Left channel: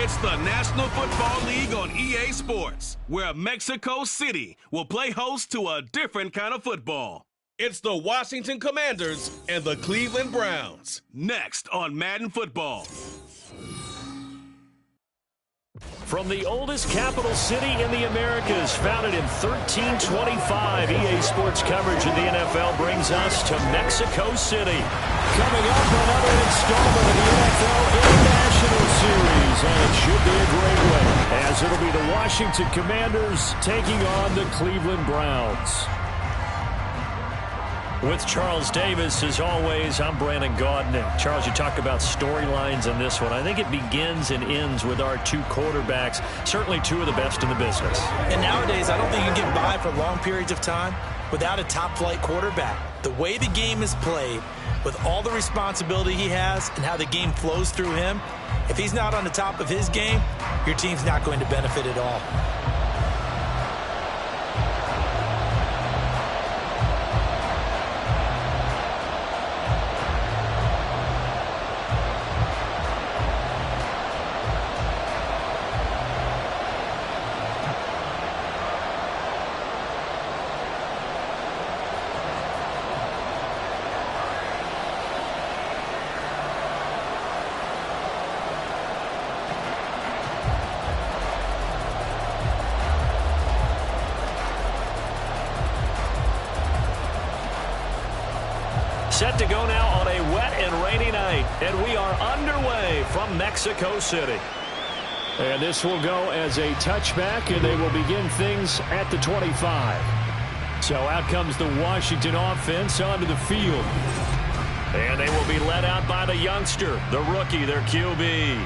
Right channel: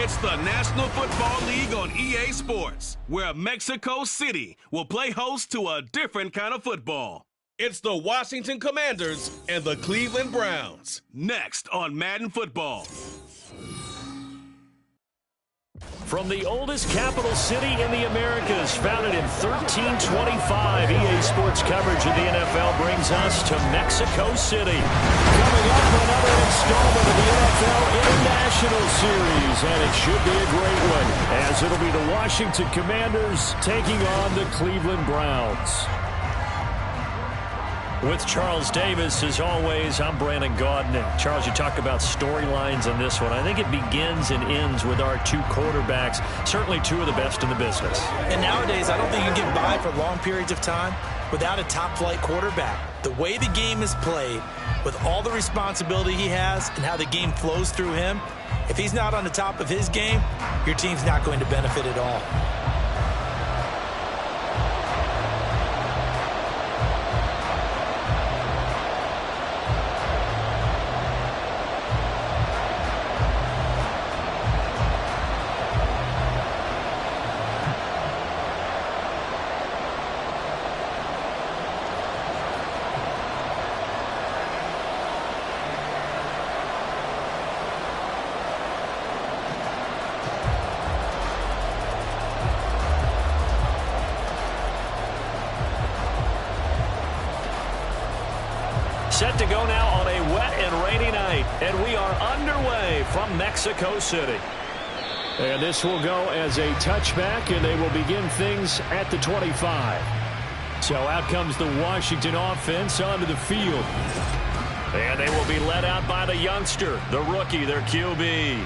It's the National Football League on EA Sports, where Mexico City will play host to a different kind of football. It's the Washington Commanders and the Cleveland Browns. Next on Madden Football. From the oldest capital city in the Americas, founded in 1325, EA Sports coverage of the NFL brings us to Mexico City. Coming up, another installment of the NFL International Series, and it should be a great one, as it'll be the Washington Commanders taking on the Cleveland Browns. With Charles Davis, as always, I'm Brandon Gaudin. And Charles, you talk about storylines in this one. I think it begins and ends with our two quarterbacks, certainly two of the best in the business. And nowadays, I don't think you can get by for long periods of time without a top-flight quarterback. The way the game is played, with all the responsibility he has and how the game flows through him, if he's not on the top of his game, your team's not going to benefit at all. Set to go now on a wet and rainy night, and we are underway from Mexico City. And this will go as a touchback, and they will begin things at the 25. So out comes the Washington offense onto the field. And they will be led out by the youngster, the rookie, their QB.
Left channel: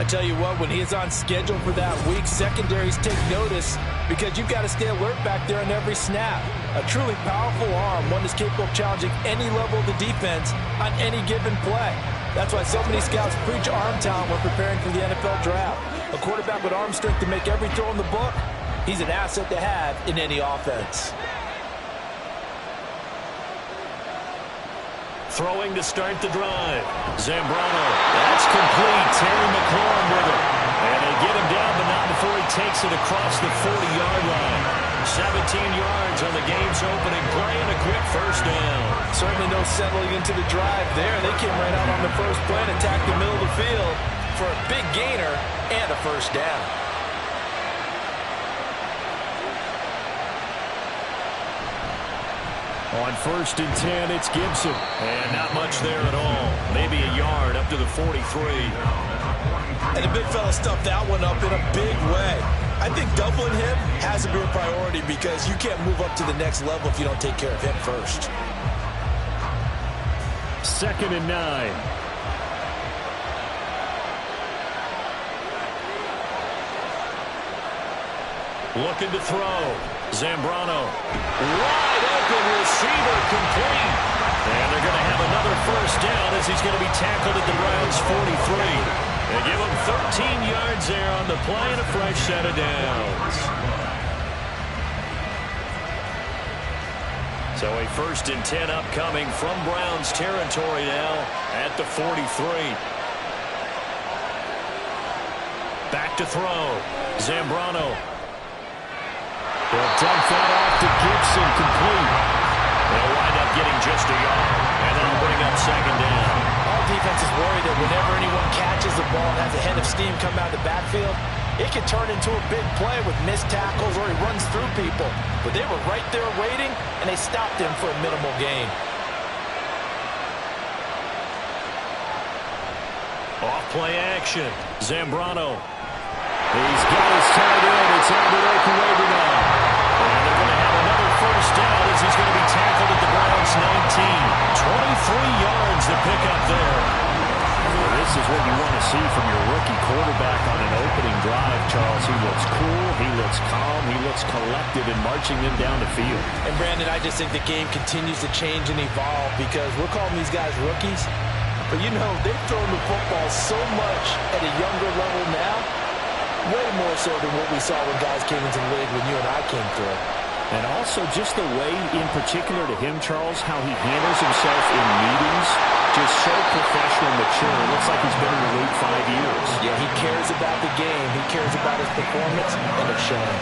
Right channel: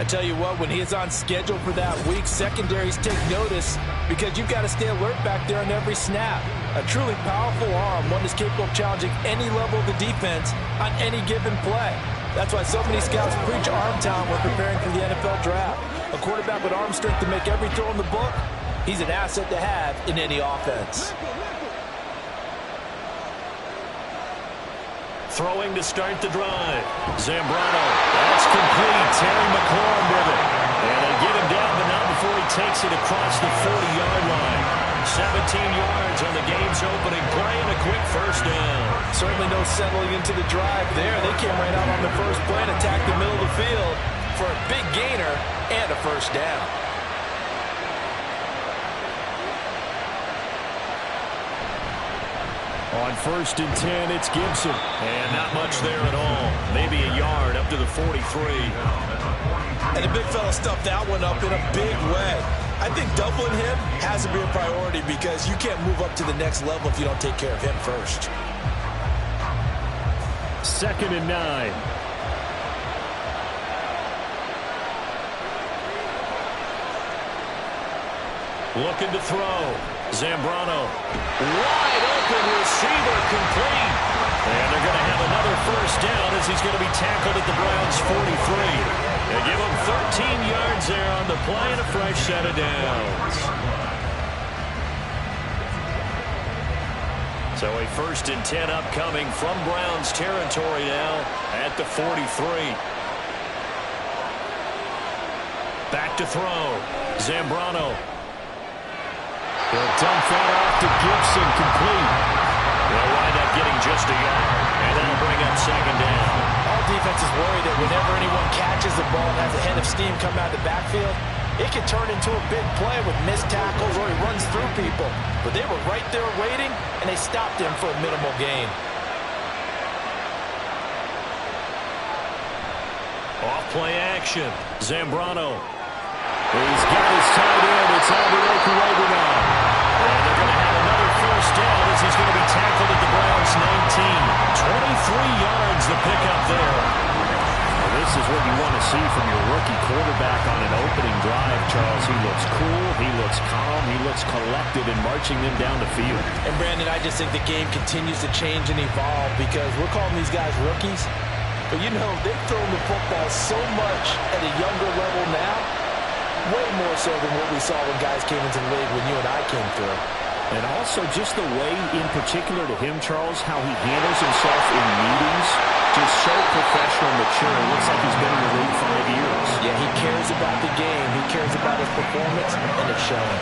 I tell you what, when he is on schedule for that week, secondaries take notice because you've got to stay alert back there on every snap. A truly powerful arm, one that's capable of challenging any level of the defense on any given play. That's why so many scouts preach arm talent when preparing for the NFL draft. A quarterback with arm strength to make every throw in the book, he's an asset to have in any offense. Throwing to start the drive. Zambrano. That's complete. Terry McLaurin with it. And they get him down, but not before he takes it across the 40-yard line. 17 yards on the game's opening play and a quick first down. Certainly no settling into the drive there. They came right out on the first play and attacked the middle of the field for a big gainer and a first down. On 1st and 10, it's Gibson. And not much there at all. Maybe a yard up to the 43. And the big fella stuffed that one up in a big way. I think doubling him has to be a priority because you can't move up to the next level if you don't take care of him first. 2nd and 9. Looking to throw. Zambrano. Wide open receiver complete. And they're going to have another first down as he's going to be tackled at the Browns' 43. They give him 13 yards there on the play and a fresh set of downs. So a 1st and 10 upcoming from Browns territory now at the 43. Back to throw. Zambrano. He'll dump that off to Gibson, complete. They'll wind up getting just a yard, and that'll bring up 2nd down. All defenses worry that whenever anyone catches the ball and has a head of steam come out of the backfield, it can turn into a big play with missed tackles or he runs through people. But they were right there waiting, and they stopped him for a minimal gain. Off play action. Zambrano. He's got his tight end. It's Albert Okuwebe now. And they're going to have another first down as he's going to be tackled at the Browns' 19. 23 yards the pickup there. Well, this is what you want to see from your rookie quarterback on an opening drive, Charles. He looks cool. He looks calm. He looks collected in marching them down the field. And, Brandon, I just think the game continues to change and evolve because we're calling these guys rookies. But, you know, they've thrown the football so much at a younger level now. Way more so than what we saw when guys came into the league when you and I came through. And also just the way, in particular to him, Charles, how he handles himself in meetings, just so professional, mature. Looks like he's been in the league 5 years. Yeah, he cares about the game. He cares about his performance, and it's showing.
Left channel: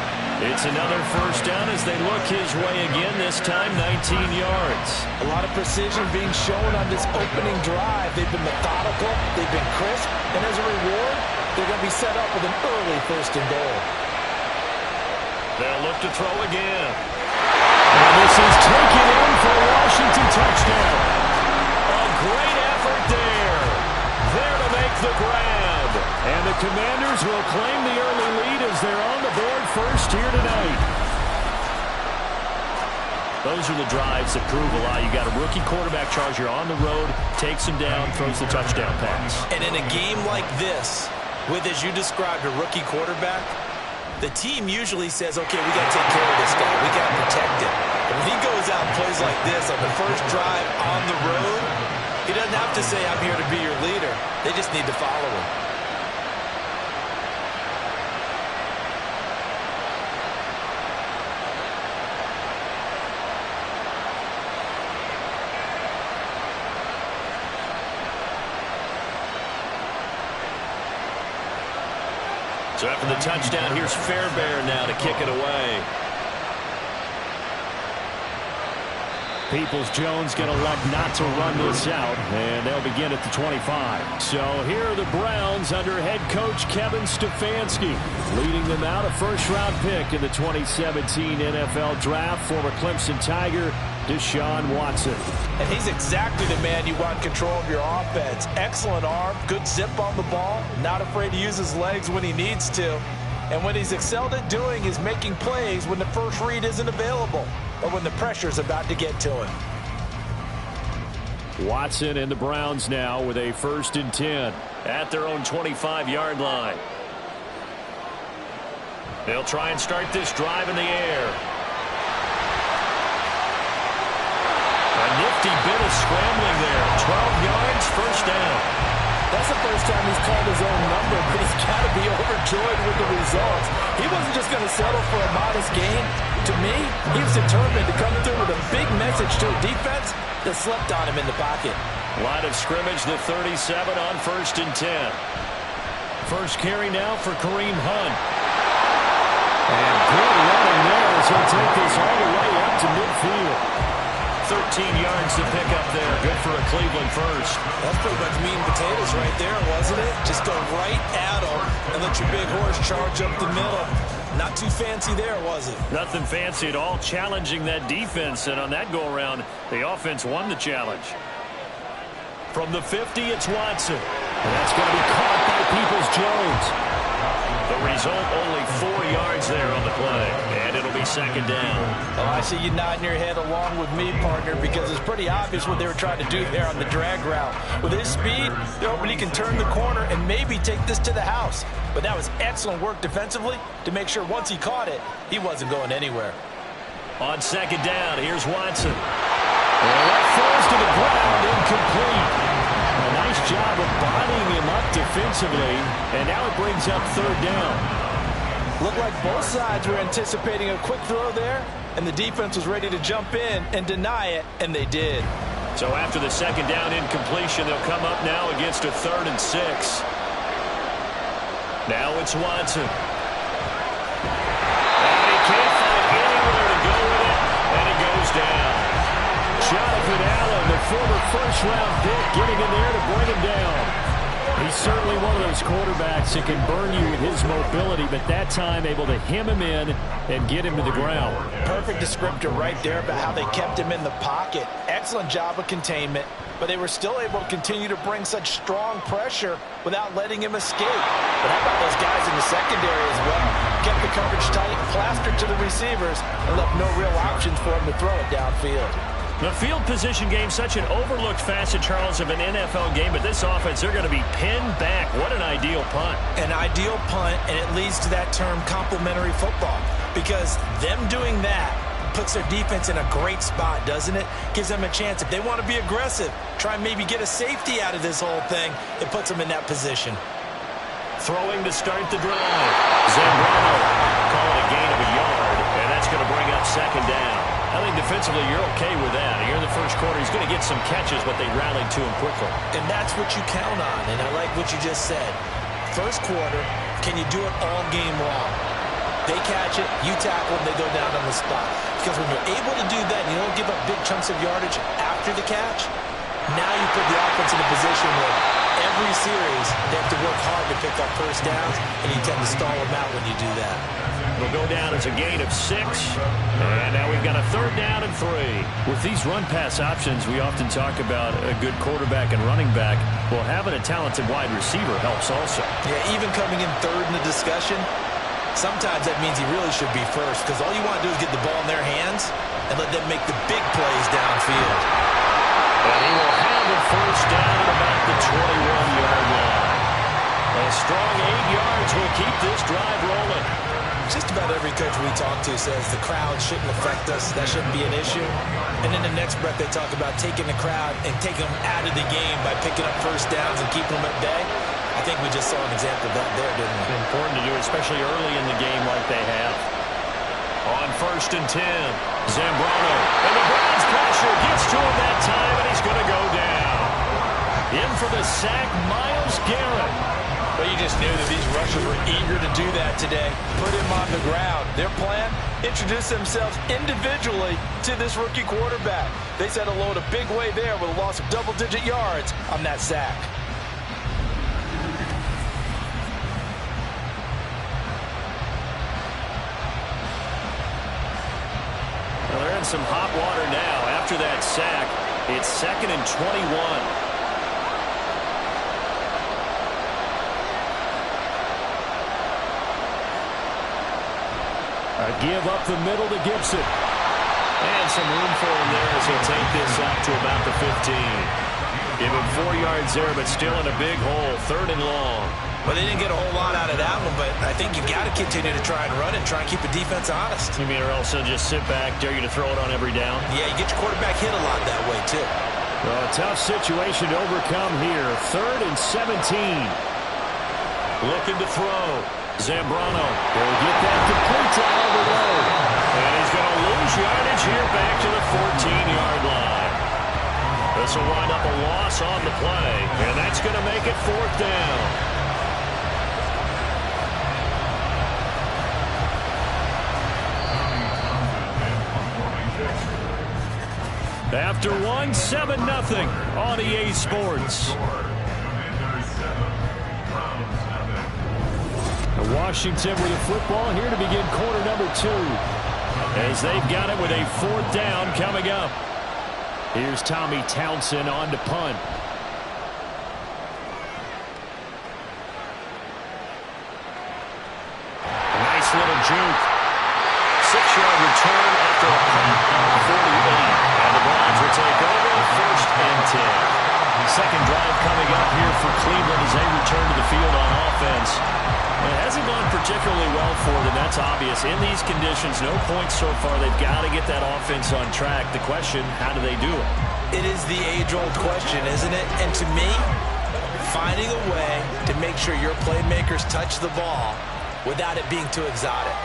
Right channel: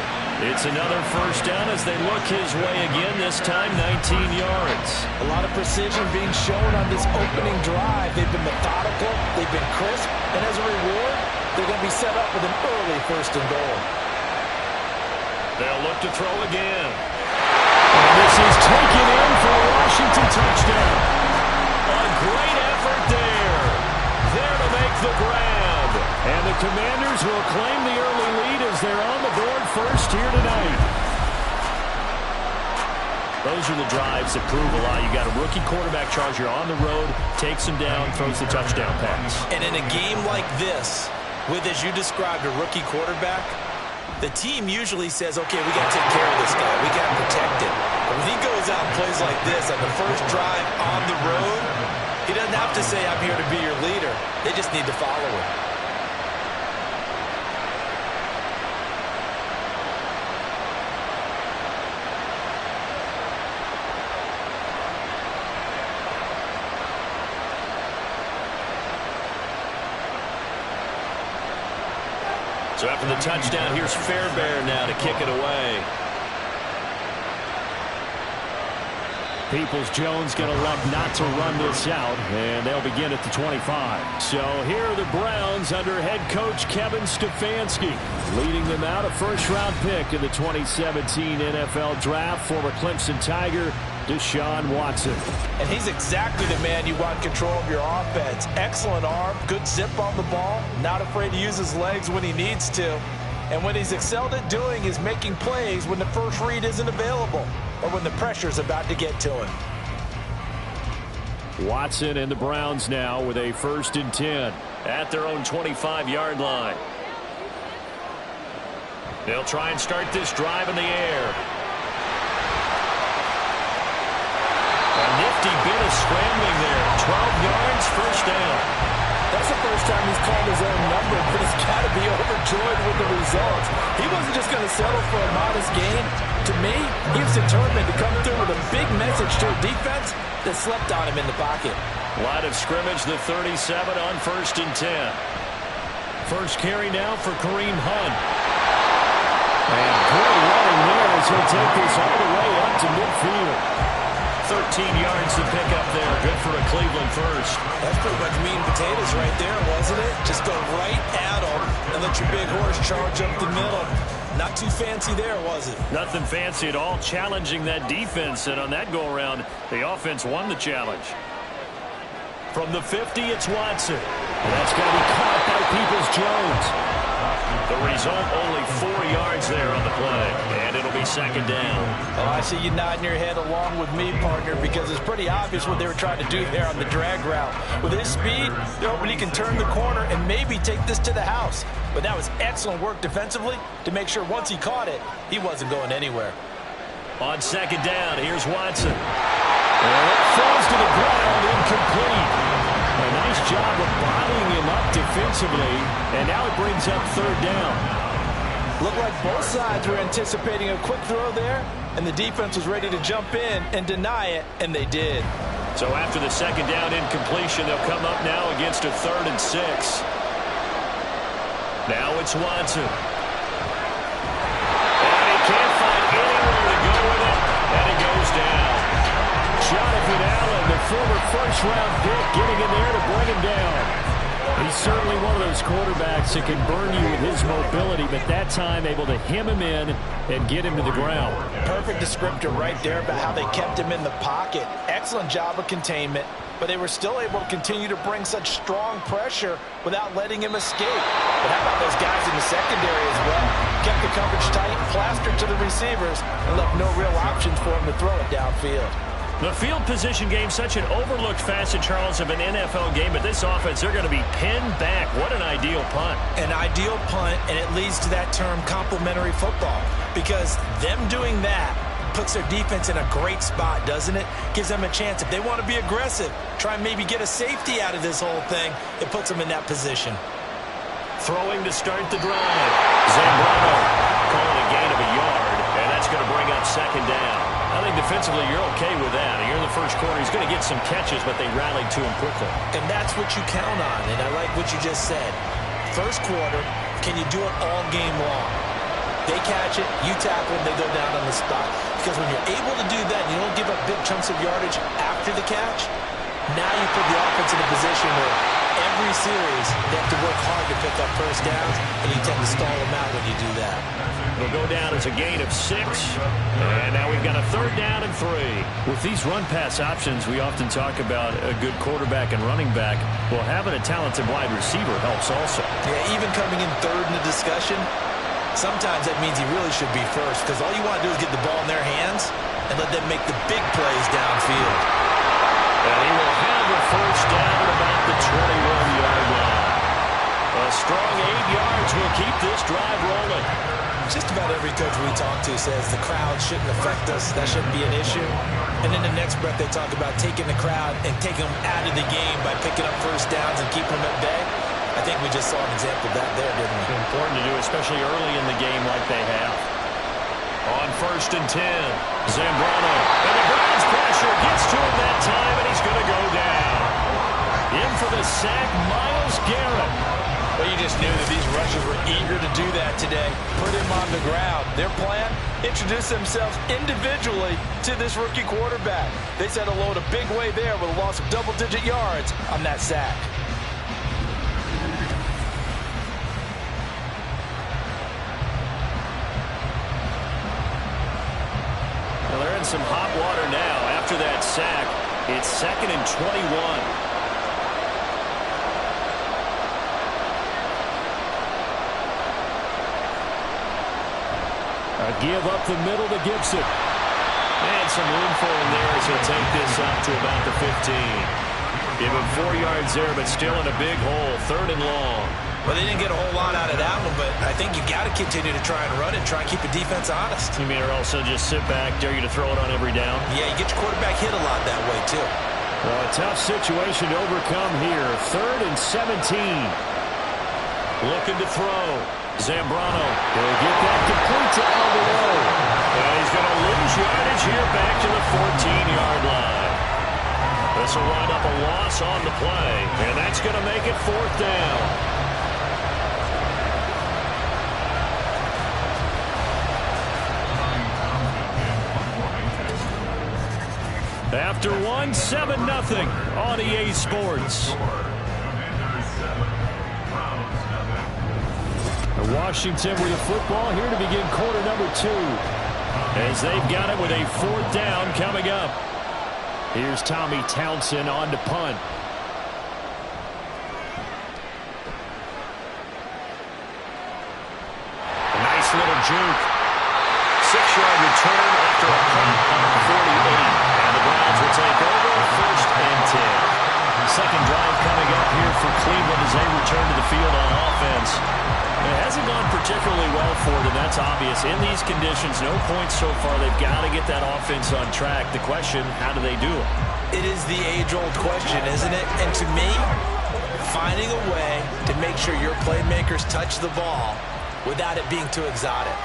It's another first down as they look his way again, this time 19 yards. A lot of precision being shown on this opening drive. They've been methodical, they've been crisp, and as a reward, they're going to be set up with an early 1st and goal. They'll look to throw again. And this is taken in for a Washington touchdown. A great effort there. There to make the grab. And the Commanders will claim the early lead as they're on the board first here tonight. Those are the drives that prove a lot. You got a rookie quarterback, Charles. You're on the road, takes him down, throws the touchdown pass. And in a game like this, with, as you described, a rookie quarterback, the team usually says, okay, we got to take care of this guy. We got to protect him. But when he goes out and plays like this on the first drive on the road, he doesn't have to say, I'm here to be your leader. They just need to follow him. So after the touchdown, here's Fairbairn now to kick it away. Peoples-Jones going to elect not to run this out, and they'll begin at the 25. So here are the Browns under head coach Kevin Stefanski. Leading them out, a first-round pick in the 2017 NFL Draft, former Clemson Tiger, Deshaun Watson. And he's exactly the man you want control of your offense. Excellent arm, good zip on the ball, not afraid to use his legs when he needs to. And what he's excelled at doing is making plays when the first read isn't available or when the pressure's about to get to him. Watson and the Browns now with a 1st and 10 at their own 25-yard line. They'll try and start this drive in the air. A nifty bit of scrambling there. 12 yards, first down. That's the first time he's called his own number, but he's got to be overjoyed with the results. He wasn't just going to settle for a modest gain. To me, he was determined to come through with a big message to a defense that slept on him in the pocket. Line of scrimmage, the 37 on 1st and 10. First carry now for Kareem Hunt. And good running there as he'll take this all the way up to midfield. 13 yards to pick up there. Good for a Cleveland first. That's pretty much meat and potatoes right there, wasn't it? Just go right at them and let your big horse charge up the middle. Not too fancy there, was it? Nothing fancy at all, challenging that defense. And on that go-around, the offense won the challenge. From the 50, it's Watson. And that's going to be caught by Peoples-Jones. The result, only 4 yards there on the play. And it'll be 2nd down. Oh, I see you nodding your head along with me, partner, because it's pretty obvious what they were trying to do there on the drag route. With his speed, they're hoping he can turn the corner and maybe take this to the house. But that was excellent work defensively to make sure once he caught it, he wasn't going anywhere. On 2nd down, here's Watson. And that falls to the ground, incomplete. A nice job of bodying him up defensively, and now it brings up 3rd down. Looked like both sides were anticipating a quick throw there, and the defense was ready to jump in and deny it, and they did. So after the 2nd down incompletion, they'll come up now against a 3rd and 6. Now it's Watson. And he can't find anywhere to go with it, and he goes down. Jonathan Allen, the former first-round pick, getting in there to bring him down. He's certainly one of those quarterbacks that can burn you with his mobility, but that time able to hem him in and get him to the ground. Perfect descriptor right there about how they kept him in the pocket. Excellent job of containment, but they were still able to continue to bring such strong pressure without letting him escape. But how about those guys in the secondary as well? Kept the coverage tight, plastered to the receivers, and left no real options for him to throw it downfield. The field position game, such an overlooked facet, Charles, of an NFL game, but this offense, they're going to be pinned back. What an ideal punt. An ideal punt, and it leads to that term complementary football, because them doing that puts their defense in a great spot, doesn't it? Gives them a chance. If they want to be aggressive, try and maybe get a safety out of this whole thing, it puts them in that position. Throwing to start the drive. Zambrano calling a gain of a yard, and that's going to bring up second down. I think defensively you're okay with that. Here in the first quarter, he's going to get some catches, but they rallied to him quickly. And that's what you count on, and I like what you just said. First quarter, can you do it all game long? They catch it, you tackle them, they go down on the spot. Because when you're able to do that and you don't give up big chunks of yardage after the catch, now you put the offense in a position where every series they have to work hard to pick up first downs, and you tend to stall them out when you do that. It'll go down as a gain of 6, and now we've got a 3rd down and 3. With these run-pass options, we often talk about a good quarterback and running back. Well, having a talented wide receiver helps also. Yeah, even coming in 3rd in the discussion, sometimes that means he really should be first, because all you want to do is get the ball in their hands and let them make the big plays downfield. And he will have a first down at about the 21-yard line. A strong 8 yards will keep this drive rolling. Just about every coach we talk to says the crowd shouldn't affect us. That shouldn't be an issue. And in the next breath, they talk about taking the crowd and taking them out of the game by picking up first downs and keeping them at bay. I think we just saw an example of that there, didn't we? Important to do, especially early in the game like they have. On 1st and 10, Zambrano. And the Browns pressure gets to him that time, and he's going to go down. In for the sack, Myles Garrett. Well, you just knew that these rushers were eager to do that today. Put him on the ground. Their plan, introduce themselves individually to this rookie quarterback. They said hello in a big way there with a loss of double-digit yards on that sack. Well, they're in some hot water now. After that sack, it's 2nd and 21. A give up the middle to Gibson. And some room for him there as he'll take this up to about the 15. Give him 4 yards there, but still in a big hole. 3rd and long. Well, they didn't get a whole lot out of that one, but I think you've got to continue to try and run it, try and keep the defense honest. You mean or else they'll just sit back, dare you to throw it on every down? Yeah, you get your quarterback hit a lot that way, too. Well, a tough situation to overcome here. 3rd and 17. Looking to throw. Zambrano. He'll get that complete to Alberto. And he's going to lose yardage here back to the 14-yard line. This will wind up a loss on the play, and that's going to make it 4th down. After 1, 7-0 on EA Sports. Washington with the football here to begin quarter number 2. As they've got it with a 4th down coming up. Here's Tommy Townsend on to punt. A nice little juke. 6-yard return after a punt on 48. And the Browns will take over 1st and 10. Second drive coming up here for Cleveland as they return to the field on offense. It hasn't gone particularly well for them, that's obvious. In these conditions, no points so far. They've got to get that offense on track. The question, how do they do it? It is the age-old question, isn't it? And to me, finding a way to make sure your playmakers touch the ball without it being too exotic.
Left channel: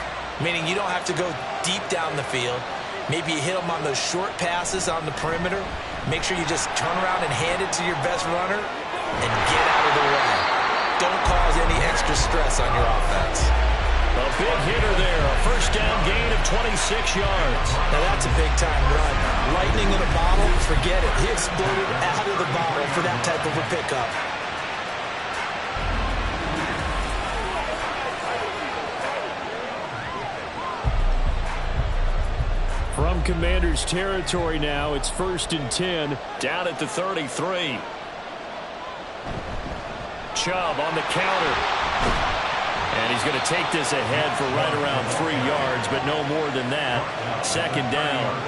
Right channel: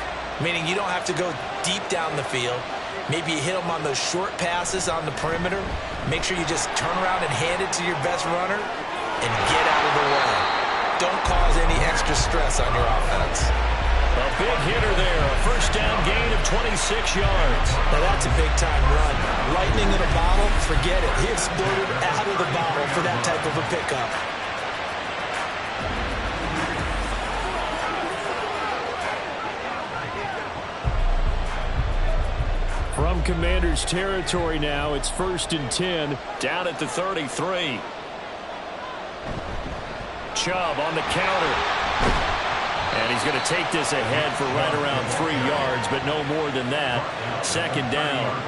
Meaning you don't have to go deep down the field. Maybe you hit them on those short passes on the perimeter. Make sure you just turn around and hand it to your best runner and get out of the way. Don't cause any extra stress on your offense. A big hitter there. A 1st down gain of 26 yards. Now that's a big-time run. Lightning in a bottle, forget it. He exploded out of the bottle for that type of a pickup. From Commanders territory now, it's 1st and 10, down at the 33. Chubb on the counter. And he's going to take this ahead for right around 3 yards, but no more than that. 2nd down.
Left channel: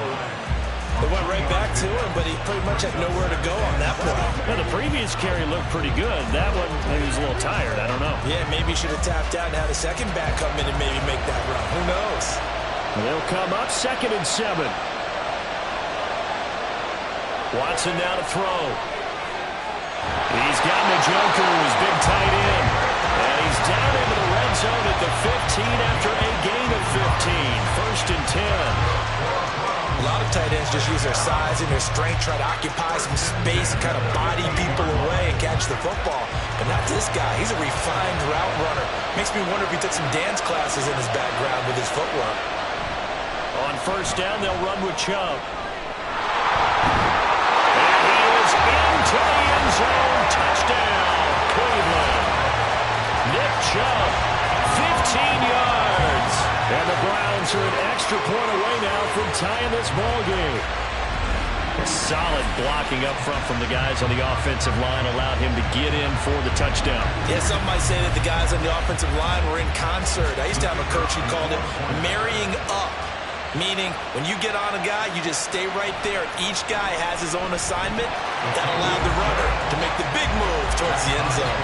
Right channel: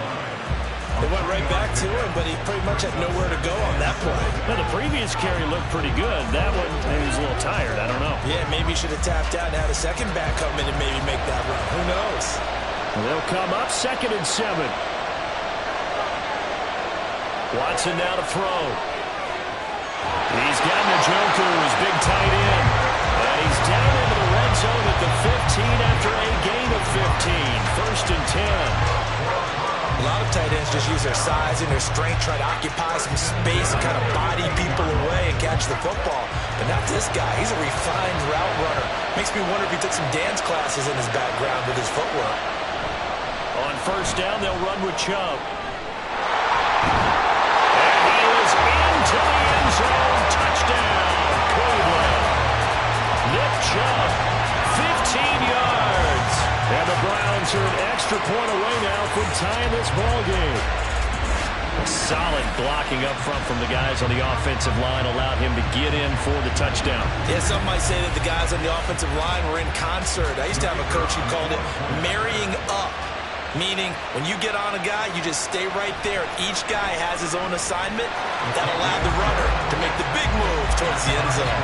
They went right back to him, but he pretty much had nowhere to go on that play. Now, the previous carry looked pretty good. That one, maybe he was a little tired. I don't know. Yeah, maybe he should have tapped out and had a second back come in and maybe make that run. Who knows? They'll come up 2nd and 7. Watson now to throw. He's got Njoku, his big tight end. And he's down into the red zone at the 15 after a gain of 15. 1st and 10. A lot of tight ends just use their size and their strength, try to occupy some space and kind of body people away and catch the football. But not this guy. He's a refined route runner. Makes me wonder if he took some dance classes in his background with his footwork. On 1st down, they'll run with Chubb. And he is into the end zone. Touchdown, Cleveland. Nick Chubb, 15 yards. And the Browns are an extra point away now from tying this ball game. Solid blocking up front from the guys on the offensive line allowed him to get in for the touchdown. Yeah, some might say that the guys on the offensive line were in concert. I used to have a coach who called it marrying up, meaning when you get on a guy, you just stay right there. Each guy has his own assignment. That allowed the runner to make the big move towards the end zone.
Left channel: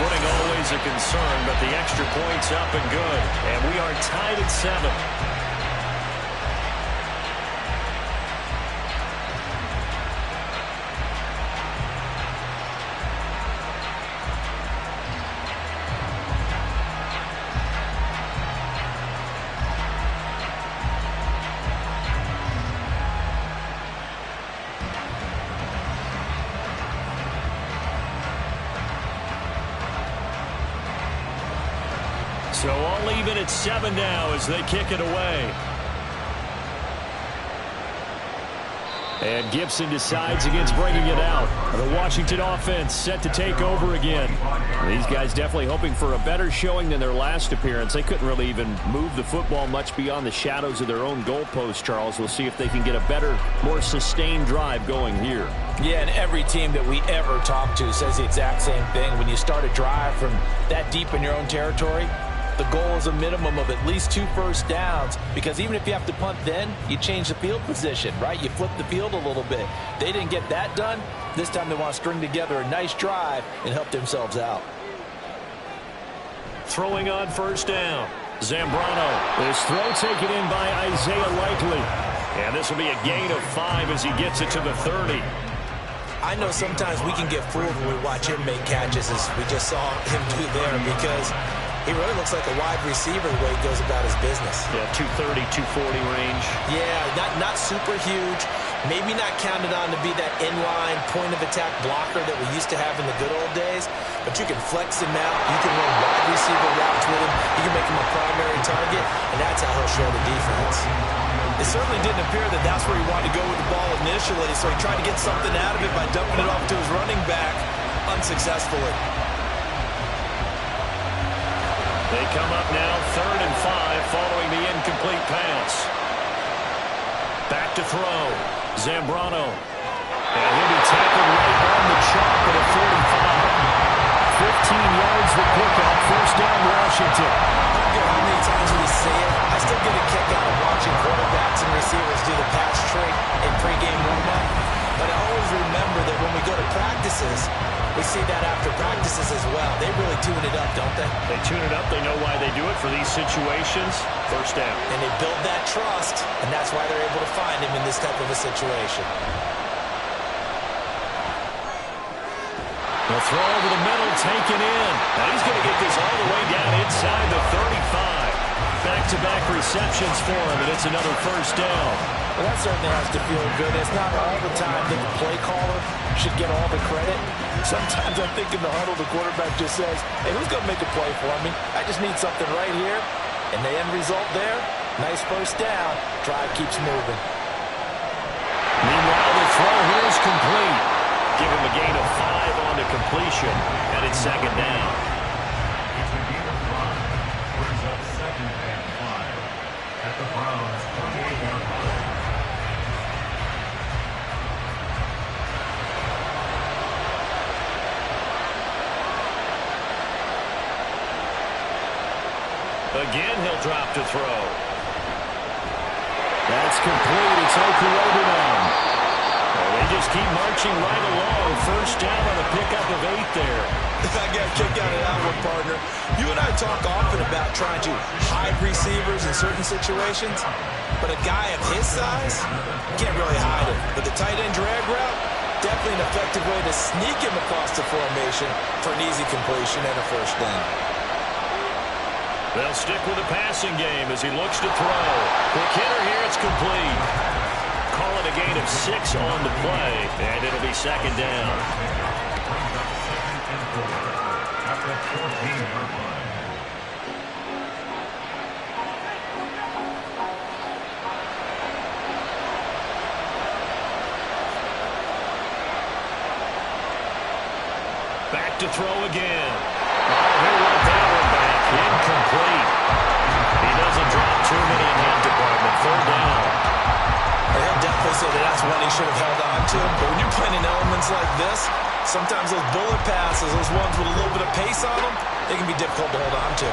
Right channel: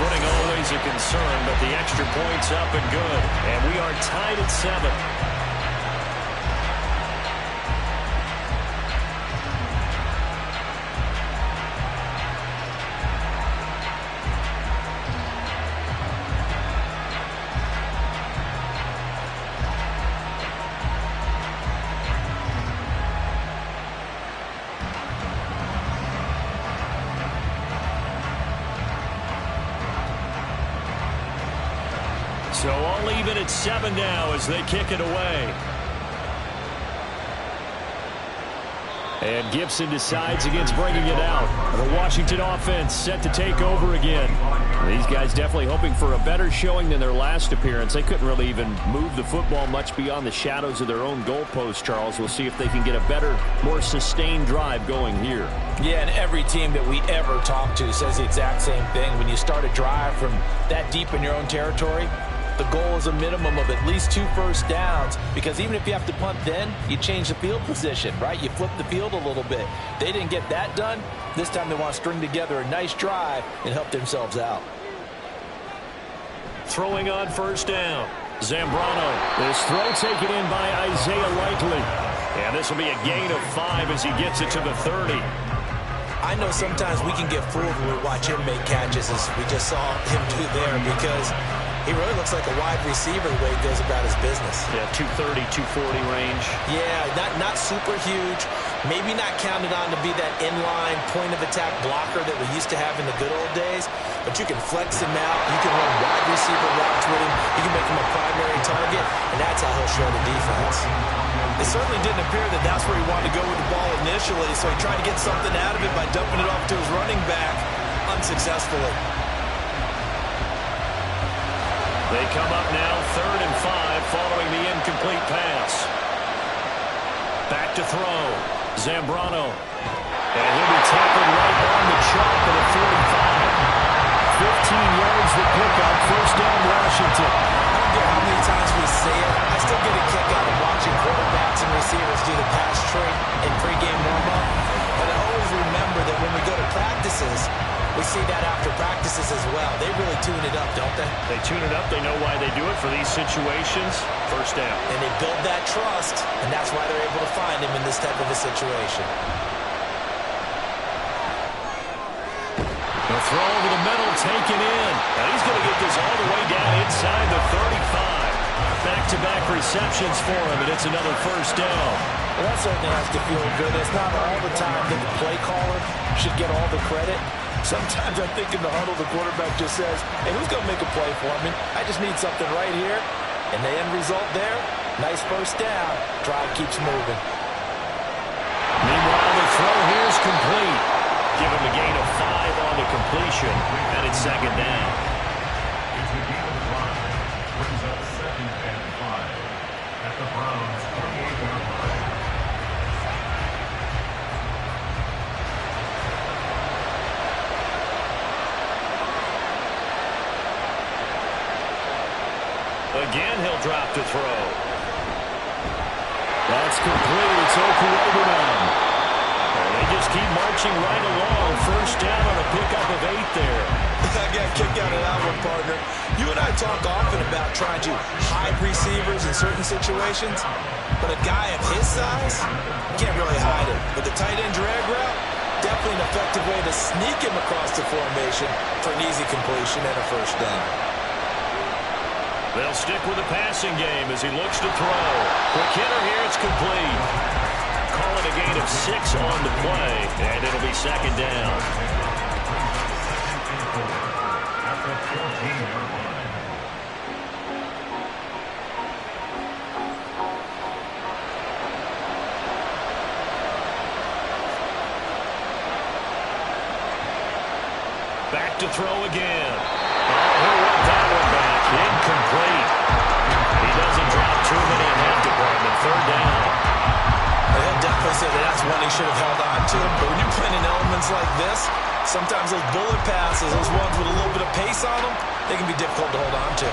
Footing always a concern, but the extra point's up and good. And we are tied at 7. So all even at 7 now as they kick it away. And Gibson decides against bringing it out. The Washington offense set to take over again. These guys definitely hoping for a better showing than their last appearance. They couldn't really even move the football much beyond the shadows of their own goalpost, Charles. We'll see if they can get a better, more sustained drive going here. Yeah, and every team that we ever talk to says the exact same thing. When you start a drive from that deep in your own territory, the goal is a minimum of at least 2 first downs, because even if you have to punt then, you change the field position, right? You flip the field a little bit. They didn't get that done. This time they want to string together a nice drive and help themselves out. Throwing on 1st down. Zambrano. This throw taken in by Isaiah Likely. And this will be a gain of 5 as he gets it to the 30. I know sometimes we can get fooled when we watch him make catches, as we just saw him do there, because he really looks like a wide receiver the way he goes about his business. Yeah, 230, 240 range. Yeah, not super huge. Maybe not counted on to be that inline point-of-attack blocker that we used to have in the good old days. But you can flex him out. You can run wide receiver routes with him. You can make him a primary target, and that's how he'll show the defense. It certainly didn't appear that that's where he wanted to go with the ball initially, so he tried to get something out of it by dumping it off to his running back unsuccessfully. They come up now 3rd and 5 following the incomplete pass. Back to throw. Zambrano. And he'll be tackled right on the chalk at a 45. 15 yards the pickup. 1st down Washington. I don't care how many times we say it, I still get a kick out of watching quarterbacks and receivers do the pass trick in pregame warm-up. But I always remember that when we go to practices, we see that after practices as well. They really tune it up, don't they? They tune it up. They know why they do it for these situations. 1st down. And they build that trust, and that's why they're able to find him in this type of a situation. The throw over the middle, taken in. And he's going to get this all the way down inside the 35. Back-to-back receptions for him, and it's another 1st down. Well, that certainly has to feel good. It's not all the time that the play caller should get all the credit. Sometimes I think in the huddle, the quarterback just says, hey, who's going to make a play for me? I just need something right here. And the end result there, nice 1st down. Drive keeps moving. Meanwhile, the throw here is complete. Give him a gain of 5 on the completion, and it's 2nd down. It's a gain of 5. Brings up 2nd and 5 at the Browns' 28-yard line. Again, he'll drop to throw. That's complete. It's Okurobu now. They just keep marching right along. 1st down on a pickup of 8 there. I got a kick out of that one, partner. You and I talk often about trying to hide receivers in certain situations, but a guy of his size can't really hide him. But the tight end drag route, definitely an effective way to sneak him across the formation for an easy completion and a 1st down. They'll stick with the passing game as he looks to throw. Quick hitter here, it's complete. Call it a gain of 6 on the play, and it'll be second down. Second and 4 at the 14-yard line. Back to throw again. Oh, he'll work that one back. Incomplete. He doesn't drop too many in that department. Third down. He'll definitely say that that's one he should have held on to. But when you're playing in elements like this, sometimes those bullet passes, those ones with a little bit of pace on them, they can be difficult to hold on to.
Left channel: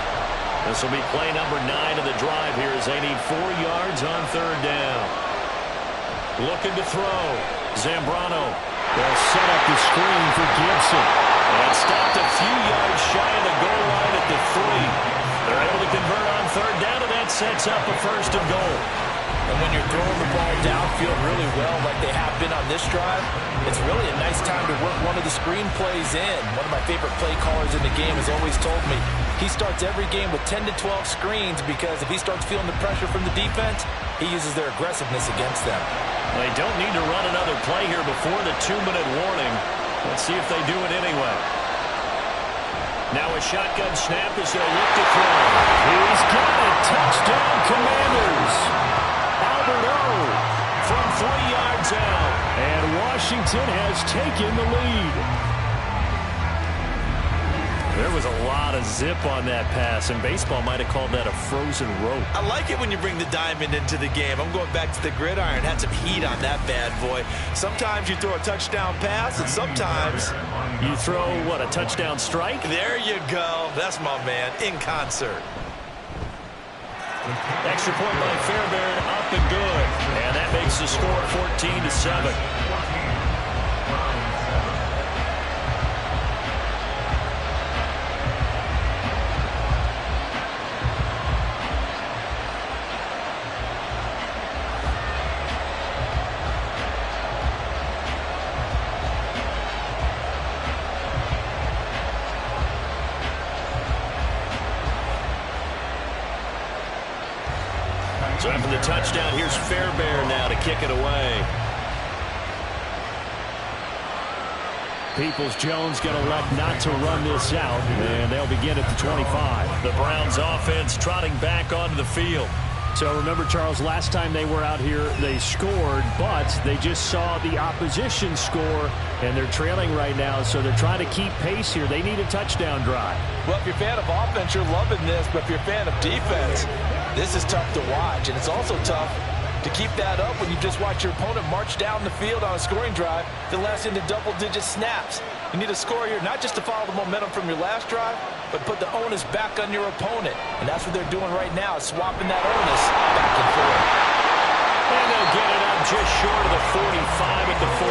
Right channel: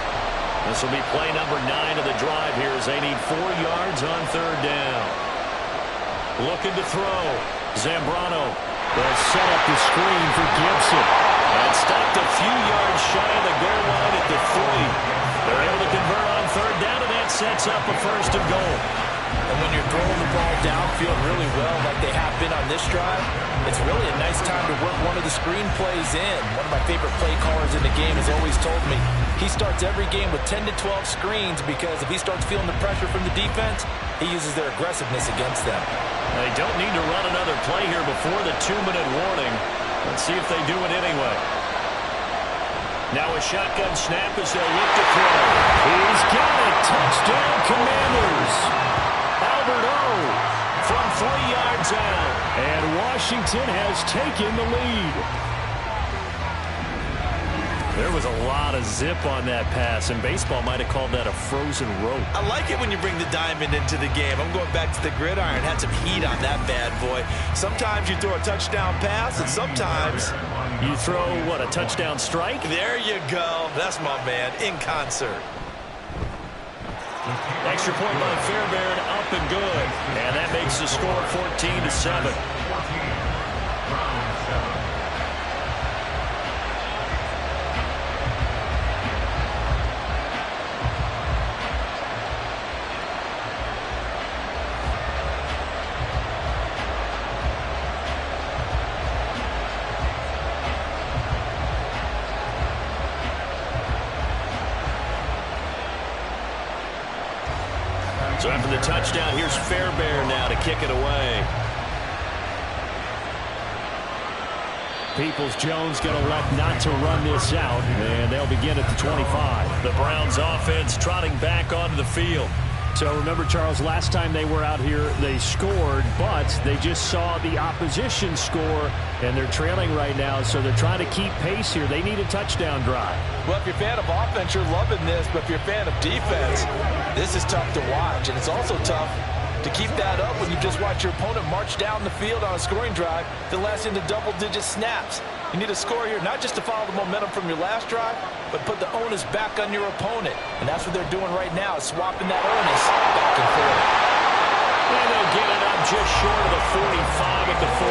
This will be play number 9 of the drive here as they need 4 yards on third down. Looking to throw. Zambrano. They'll set up the screen for Gibson. And stopped a few yards shy of the goal line at the 3. They're able to convert on third down, and that sets up a first and goal. And when you're throwing the ball downfield really well like they have been on this drive, it's really a nice time to work one of the screen plays in. One of my favorite play callers in the game has always told me he starts every game with 10 to 12 screens because if he starts feeling the pressure from the defense, he uses their aggressiveness against them. They don't need to run another play here before the 2-minute warning. Let's see if they do it anyway. Now a shotgun snap as they'll look to throw. He's got it. Touchdown, Commanders. Albert O from 3 yards out. And Washington has taken the lead. There was a lot of zip on that pass, and baseball might have called that a frozen rope. I like it when you bring the diamond into the game. I'm going back to the gridiron. Had some heat on that bad boy. Sometimes you throw a touchdown pass, and sometimes you throw, what, a touchdown strike? There you go. That's my man, in concert. Extra point by Fairbairn, up and good. And that makes the score 14-7. So after the touchdown, here's Fairbairn now to kick it away. Peoples-Jones going to elect not to run this out, and they'll begin at the 25. The Browns offense trotting back onto the field. So remember, Charles, last time they were out here, they scored, but they just saw the opposition score, and they're trailing right now, so they're trying to keep pace here. They need a touchdown drive. Well, if you're a fan of offense, you're loving this, but if you're a fan of defense, this is tough to watch, and it's also tough to keep that up when you just watch your opponent march down the field on a scoring drive that lasts into double-digit snaps. You need a score here, not just to follow the momentum from your last drive, but put the onus back on your opponent. And that's what they're doing right now, is swapping that onus back and forth. And they'll get it up just short of the 45 at the 44.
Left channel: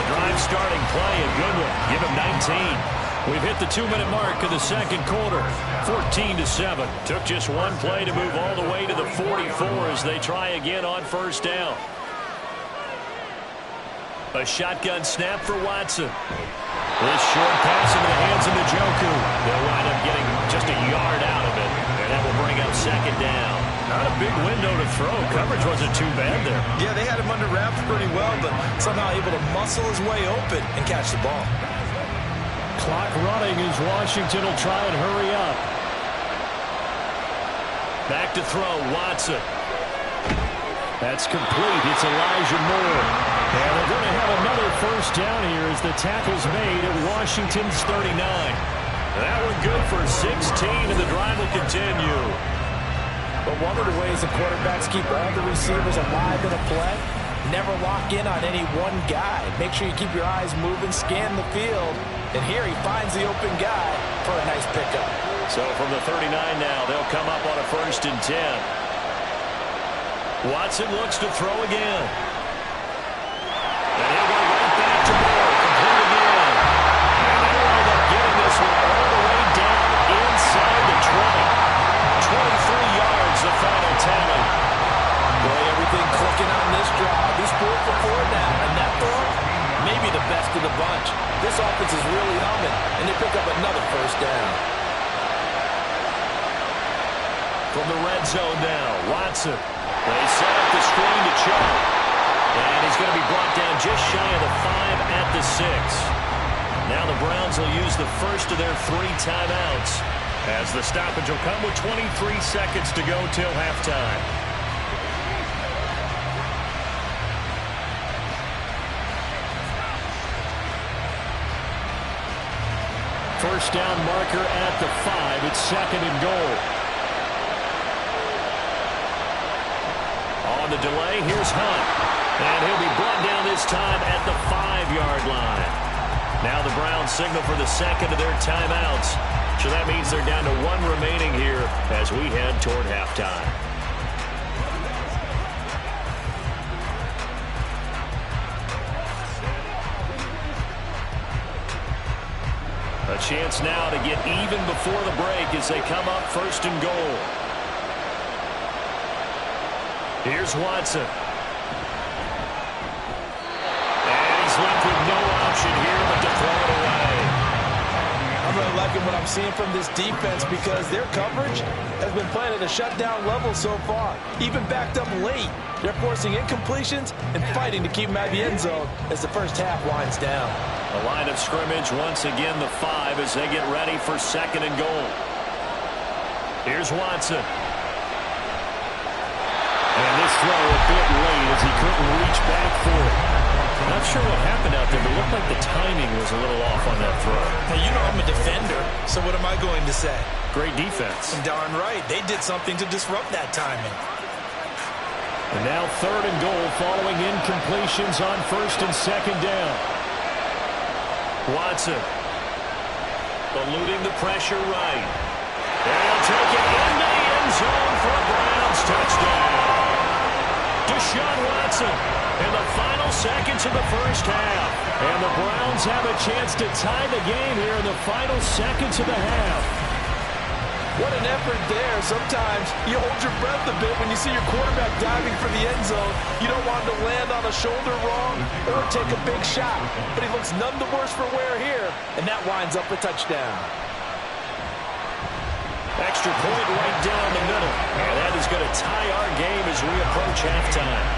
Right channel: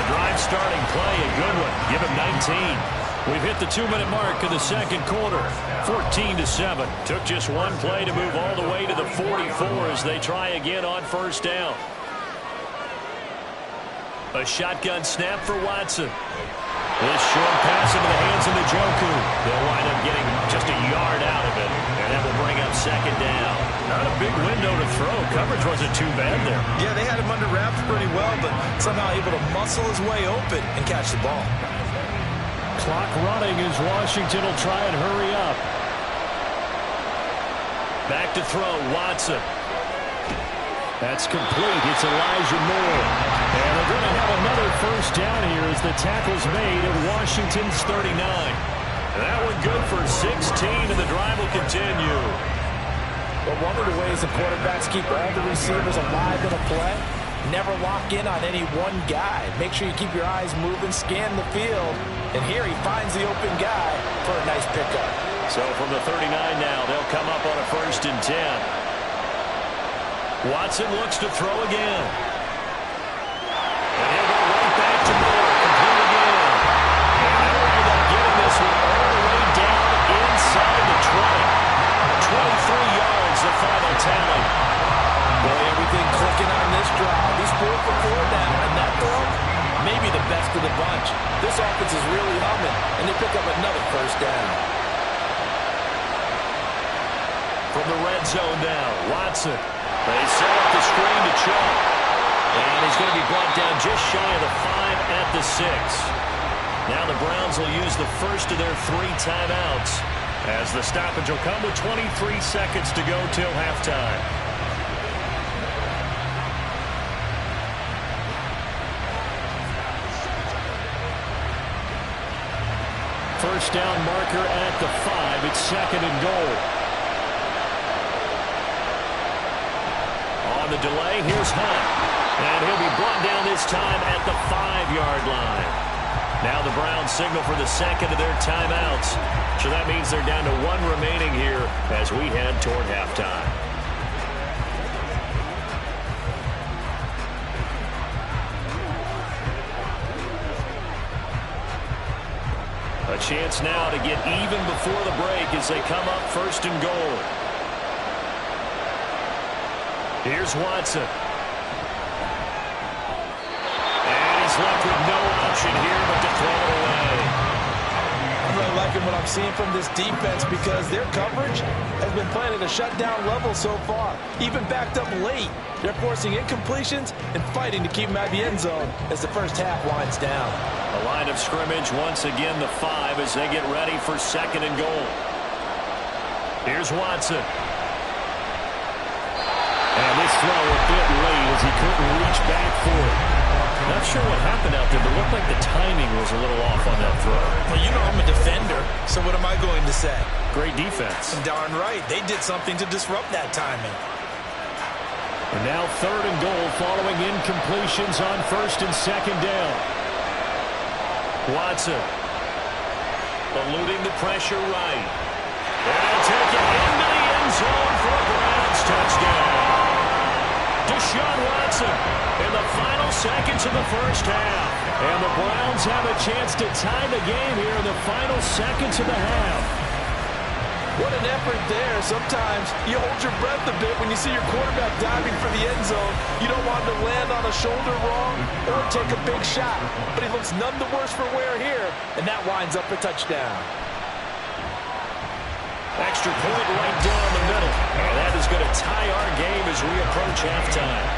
The drive starting play, a good one. Give him 19. We've hit the 2-minute mark of the second quarter. 14-7. Took just one play to move all the way to the 44 as they try again on first down. A shotgun snap for Watson. This short pass into the hands of Njoku. They'll wind up getting just a yard out of it, and that will bring up second down. Not a big window to throw. Coverage wasn't too bad there. Yeah, they had him under wraps pretty well, but somehow able to muscle his way open and catch the ball. Clock running as Washington will try and hurry up. Back to throw, Watson. That's complete. It's Elijah Moore. And they're going to have another first down here as the tackle's made at Washington's 39. That one good for 16, and the drive will continue. But one of the ways the quarterbacks keep all the receivers alive in a play, never lock in on any one guy. Make sure you keep your eyes moving, scan the field, and here he finds the open guy for a nice pickup. So from the 39 now, they'll come up on a 1st and 10. Watson looks to throw again. And he'll go right back to Moore. Complete again. And they'll wind up getting this one all the way down inside the 20. 23 yards, the final tally. Boy, everything clicking on this drive. He's 4 for 4 now, and that throw, maybe the best of the bunch. This offense is really humming, and they pick up another first down. from the red zone now. Watson. They set up the screen to Chubb. And he's going to be brought down just shy of the 5 at the 6. Now the Browns will use the first of their 3 timeouts, as the stoppage will come with 23 seconds to go till halftime. First down marker at the 5. It's 2nd and goal. On the delay, here's Hunt. And he'll be brought down this time at the 5-yard line. Now the Browns signal for the second of their timeouts. So that means they're down to 1 remaining here as we head toward halftime. A chance now to get even before the break as they come up 1st and goal. Here's Watson. And he's left with no option here but to throw it away. I'm really liking what I'm seeing from this defense because their coverage has been playing at a shutdown level so far. Even backed up late. They're forcing incompletions and fighting to keep them out of the end zone as the first half winds down. The line of scrimmage once again the 5 as they get ready for 2nd and goal. Here's Watson. And this throw a bit late as he couldn't reach back for it. Not sure what happened out there, but it looked like the timing was a little off on that throw. Well, you know I'm a defender, so what am I going to say? Great defense. Darn right. They did something to disrupt that timing. And now 3rd and goal following incompletions on 1st and 2nd down. Watson eluding the pressure right. And he'll take it into the end zone for a Browns touchdown. Deshaun Watson in the final seconds of the first half. And the Browns have a chance to tie the game here in the final seconds of the half. What an effort there. Sometimes you hold your breath a bit when you see your quarterback diving for the end zone. You don't want him to land on a shoulder wrong or take a big shot. But he looks none the worse for wear here, and that winds up a touchdown. Extra point right down the middle. And that is going to tie our game as we approach halftime.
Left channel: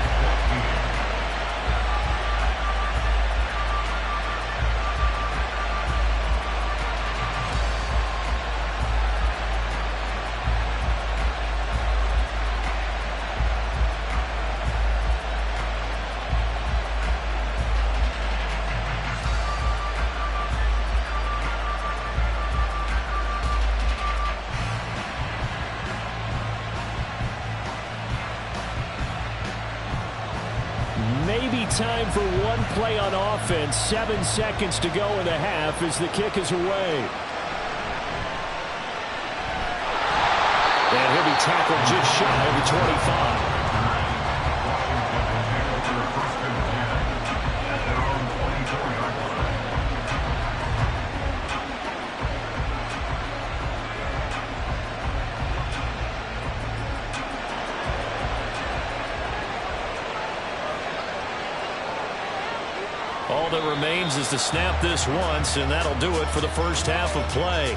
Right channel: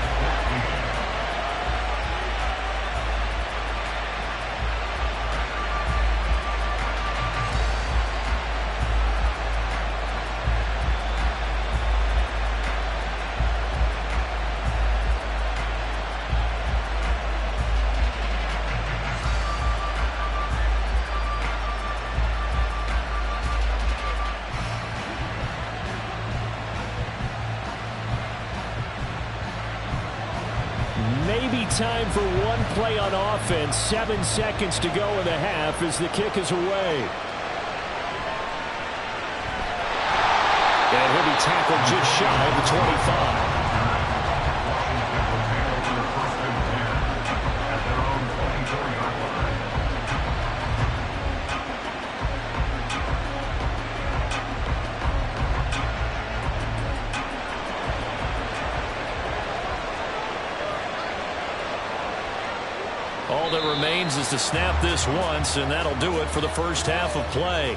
Maybe time for one play on offense. 7 seconds to go in the half as the kick is away. And he'll be tackled just shy of the 25. Washington will handle their 1st and 10 at their own 24-yard line. All that remains is to snap this once, and that'll do it for the first half of play.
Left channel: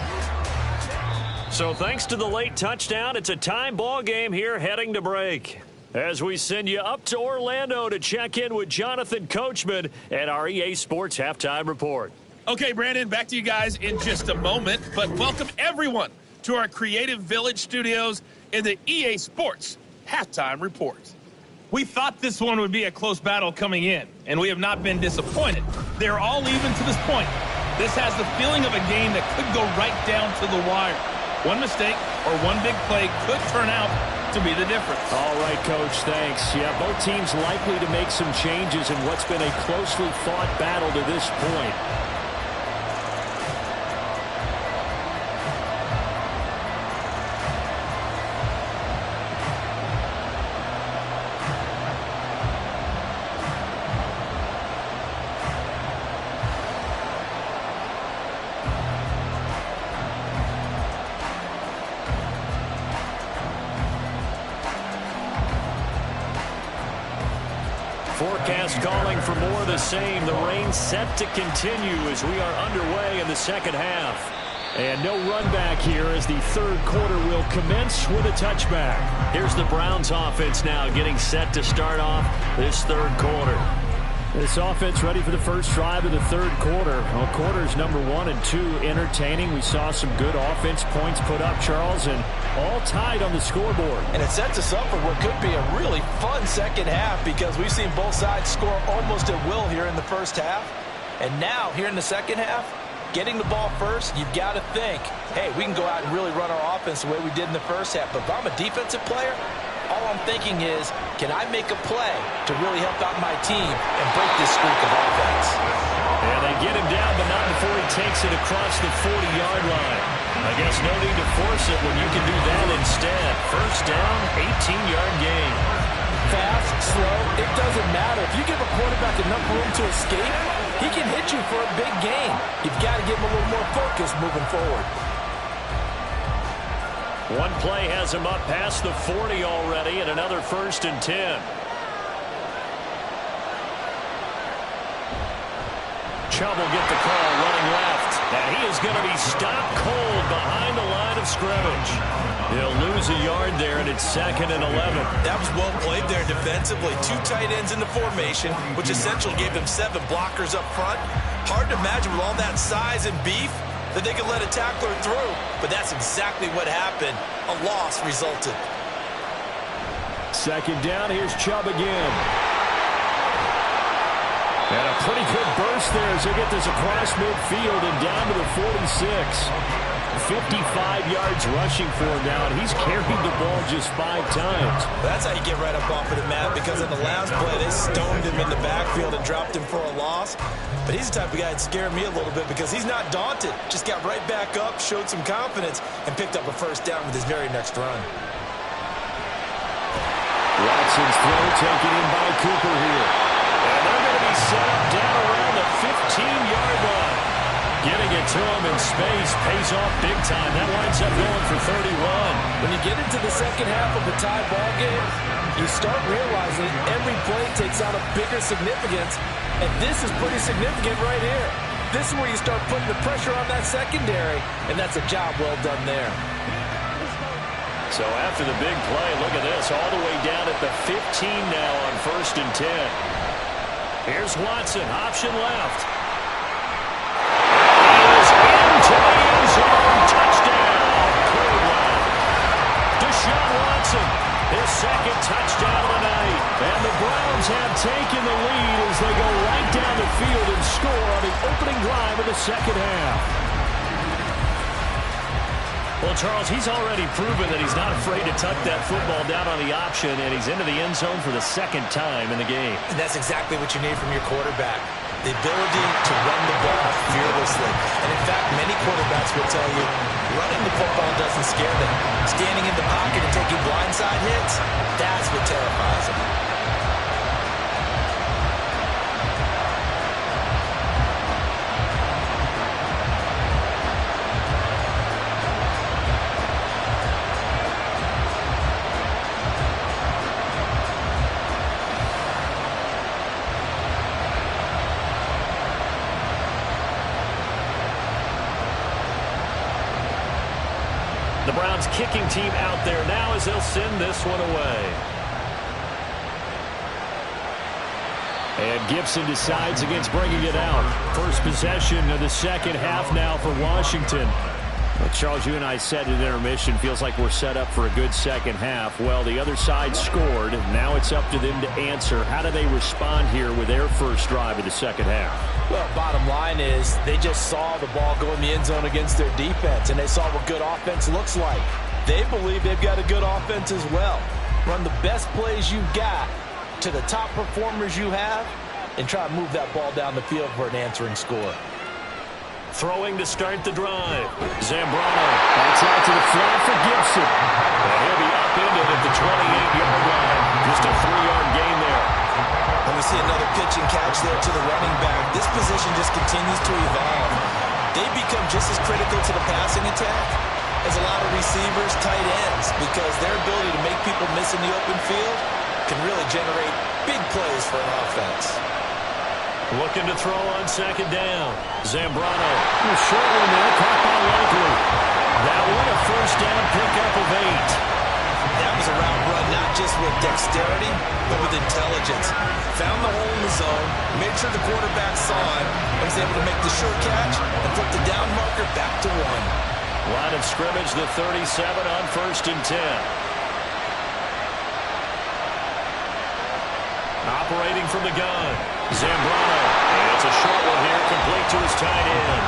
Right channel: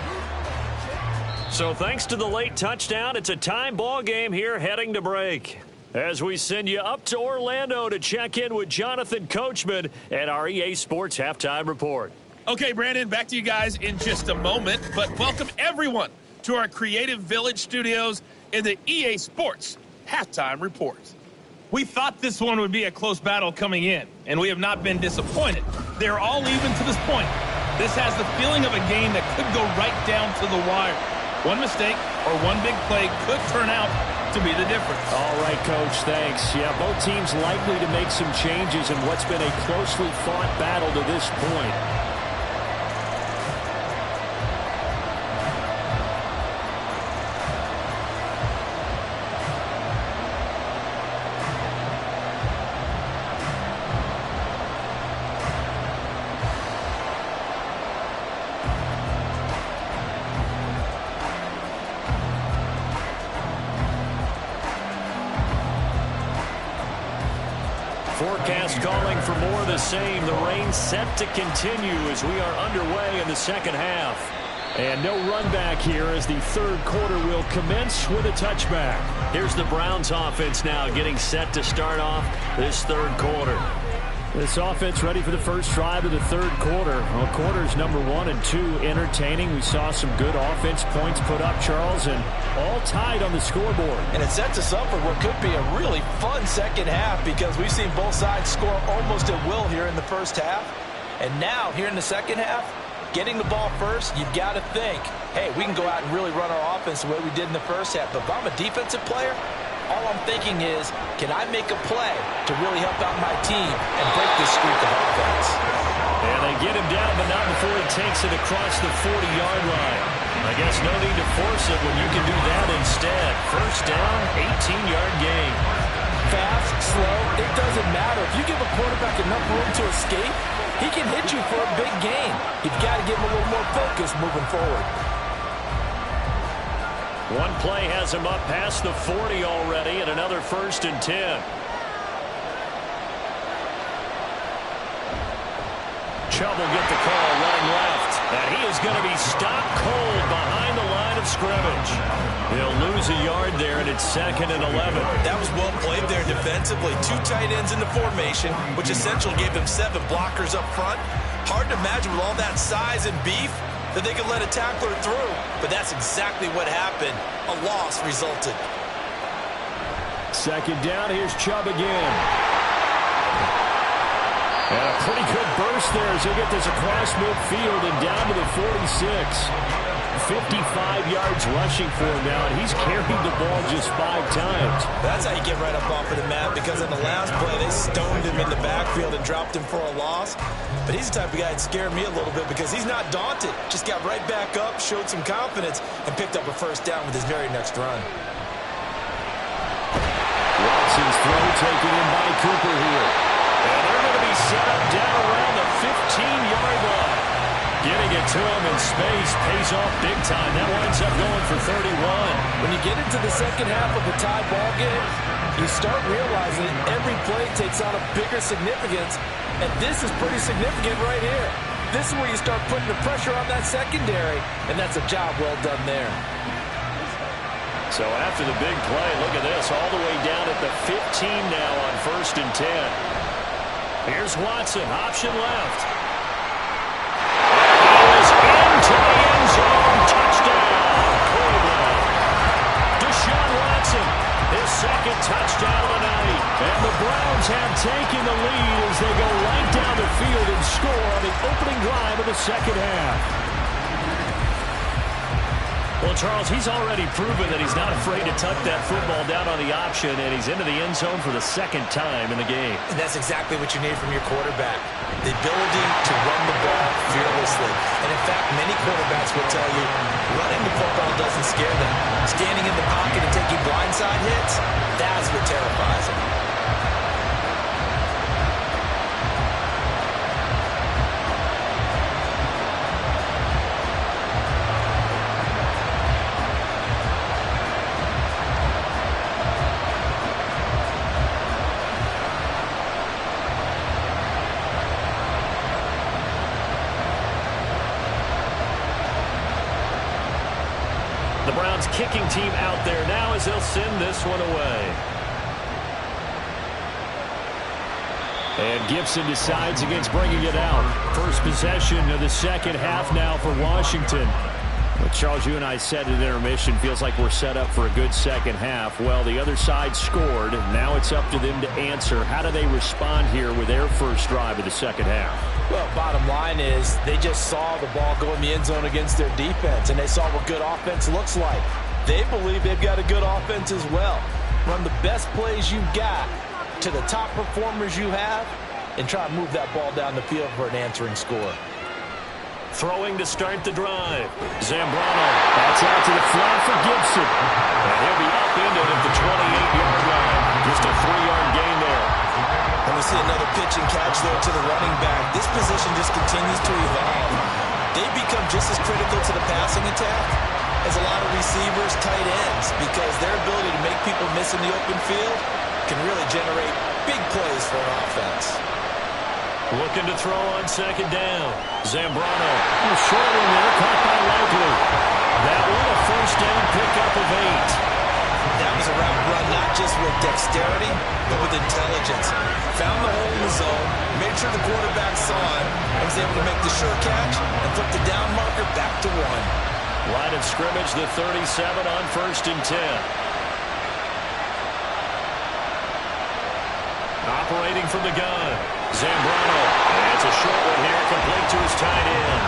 So thanks to the late touchdown, it's a time ball game here heading to break. As we send you up to Orlando to check in with Jonathan Coachman and our EA Sports Halftime Report. Okay, Brandon, back to you guys in just a moment, but welcome everyone to our Creative Village studios in the EA Sports Halftime Report. We thought this one would be a close battle coming in, and we have not been disappointed. They're all even to this point. This has the feeling of a game that could go right down to the wire. One mistake or one big play could turn out to be the difference. All right, Coach, thanks. Yeah, both teams likely to make some changes in what's been a closely fought battle to this point. Forecast calling for more of the same. The rain set to continue as we are underway in the second half. And no run back here as the third quarter will commence with a touchback. Here's the Browns offense now getting set to start off this third quarter. This offense ready for the first drive of the third quarter. Well, quarters number 1 and 2 entertaining. We saw some good offense points put up, Charles, and all tied on the scoreboard. And it sets us up for what could be a really fun second half because we've seen both sides score almost at will here in the first half. And now, here in the second half, getting the ball first, you've got to think, hey, we can go out and really run our offense the way we did in the first half. But if I'm a defensive player, all I'm thinking is, can I make a play to really help out my team and break this streak of offense? And they get him down, but not before he takes it across the 40-yard line. I guess no need to force it when you can do that instead. First down, 18-yard gain. Fast, slow, it doesn't matter. If you give a quarterback enough room to escape, he can hit you for a big gain. You've got to give him a little more focus moving forward. One play has him up past the 40 already, and another 1st and 10. Chubb will get the call running left, and he is going to be stopped cold behind the line of scrimmage. He'll lose a yard there, and it's 2nd and 11. That was well played there defensively. 2 tight ends in the formation, which essentially gave him 7 blockers up front. Hard to imagine with all that size and beef that they could let a tackler through, but that's exactly what happened. A loss resulted. Second down, here's Chubb again. And a pretty good burst there as he'll get this across midfield and down to the 46. 55 yards rushing for him now, and he's carried the ball just 5 times. That's how you get right up off of the mat, because on the last play, they stoned him in the backfield and dropped him for a loss. But he's the type of guy that scared me a little bit because he's not daunted. Just got right back up, showed some confidence, and picked up a first down with his very next run. Watson's throw taken in by Cooper here. And they're going to be set up down around the 15-yard line. Getting it to him in space pays off big time. That winds up going for 31. When you get into the second half of a tie ball game, you start realizing every play takes on a bigger significance, and this is pretty significant right here. This is where you start putting the pressure on that secondary, and that's a job well done there. So after the big play, look at this, all the way down at the 15 now on 1st and 10. Here's Watson, option left. And he is into the end zone. Touchdown, Cleveland. Deshaun Watson, his 2nd touchdown of the night. And the Browns have taken the lead as they go right down the field and score on the opening drive of the second half. Well, Charles, he's already proven that he's not afraid to tuck that football down on the option, and he's into the end zone for the 2nd time in the game. And that's exactly what you need from your quarterback, the ability to run the ball fearlessly. And, in fact, many quarterbacks will tell you running the football doesn't scare them. Standing in the pocket and taking blindside hits, that's what terrifies them. The Browns kicking team out there now as they'll send this one away. And Gibson decides against bringing it out. First possession of the second half now for Washington. Well, Charles, you and I said at intermission, feels like we're set up for a good second half. Well, the other side scored. Now it's up to them to answer. How do they respond here with their first drive of the second half? Well, bottom line is they just saw the ball go in the end zone against their defense, and they saw what good offense looks like. They believe they've got a good offense as well. Run the best plays you've got to the top performers you have and try to move that ball down the field for an answering score. Throwing to start the drive. Zambrano. That's out to the flat for Gibson. And he'll be upended at the 28-yard line. Just a 3-yard gain there. And we see another pitch and catch there to the running back. This position just continues to evolve. They become just as critical to the passing attack as a lot of receivers, tight ends, because their ability to make people miss in the open field can really generate big plays for an offense. Looking to throw on second down. Zambrano. A short one there, caught by Likely. That one a first down pickup of 8. That was a route run not just with dexterity, but with intelligence. Found the hole in the zone, made sure the quarterback saw it, and was able to make the sure catch and put the down marker back to 1. Line of scrimmage, the 37 on 1st and 10. Operating from the gun, Zambrano. It's a short one here, complete to his tight end.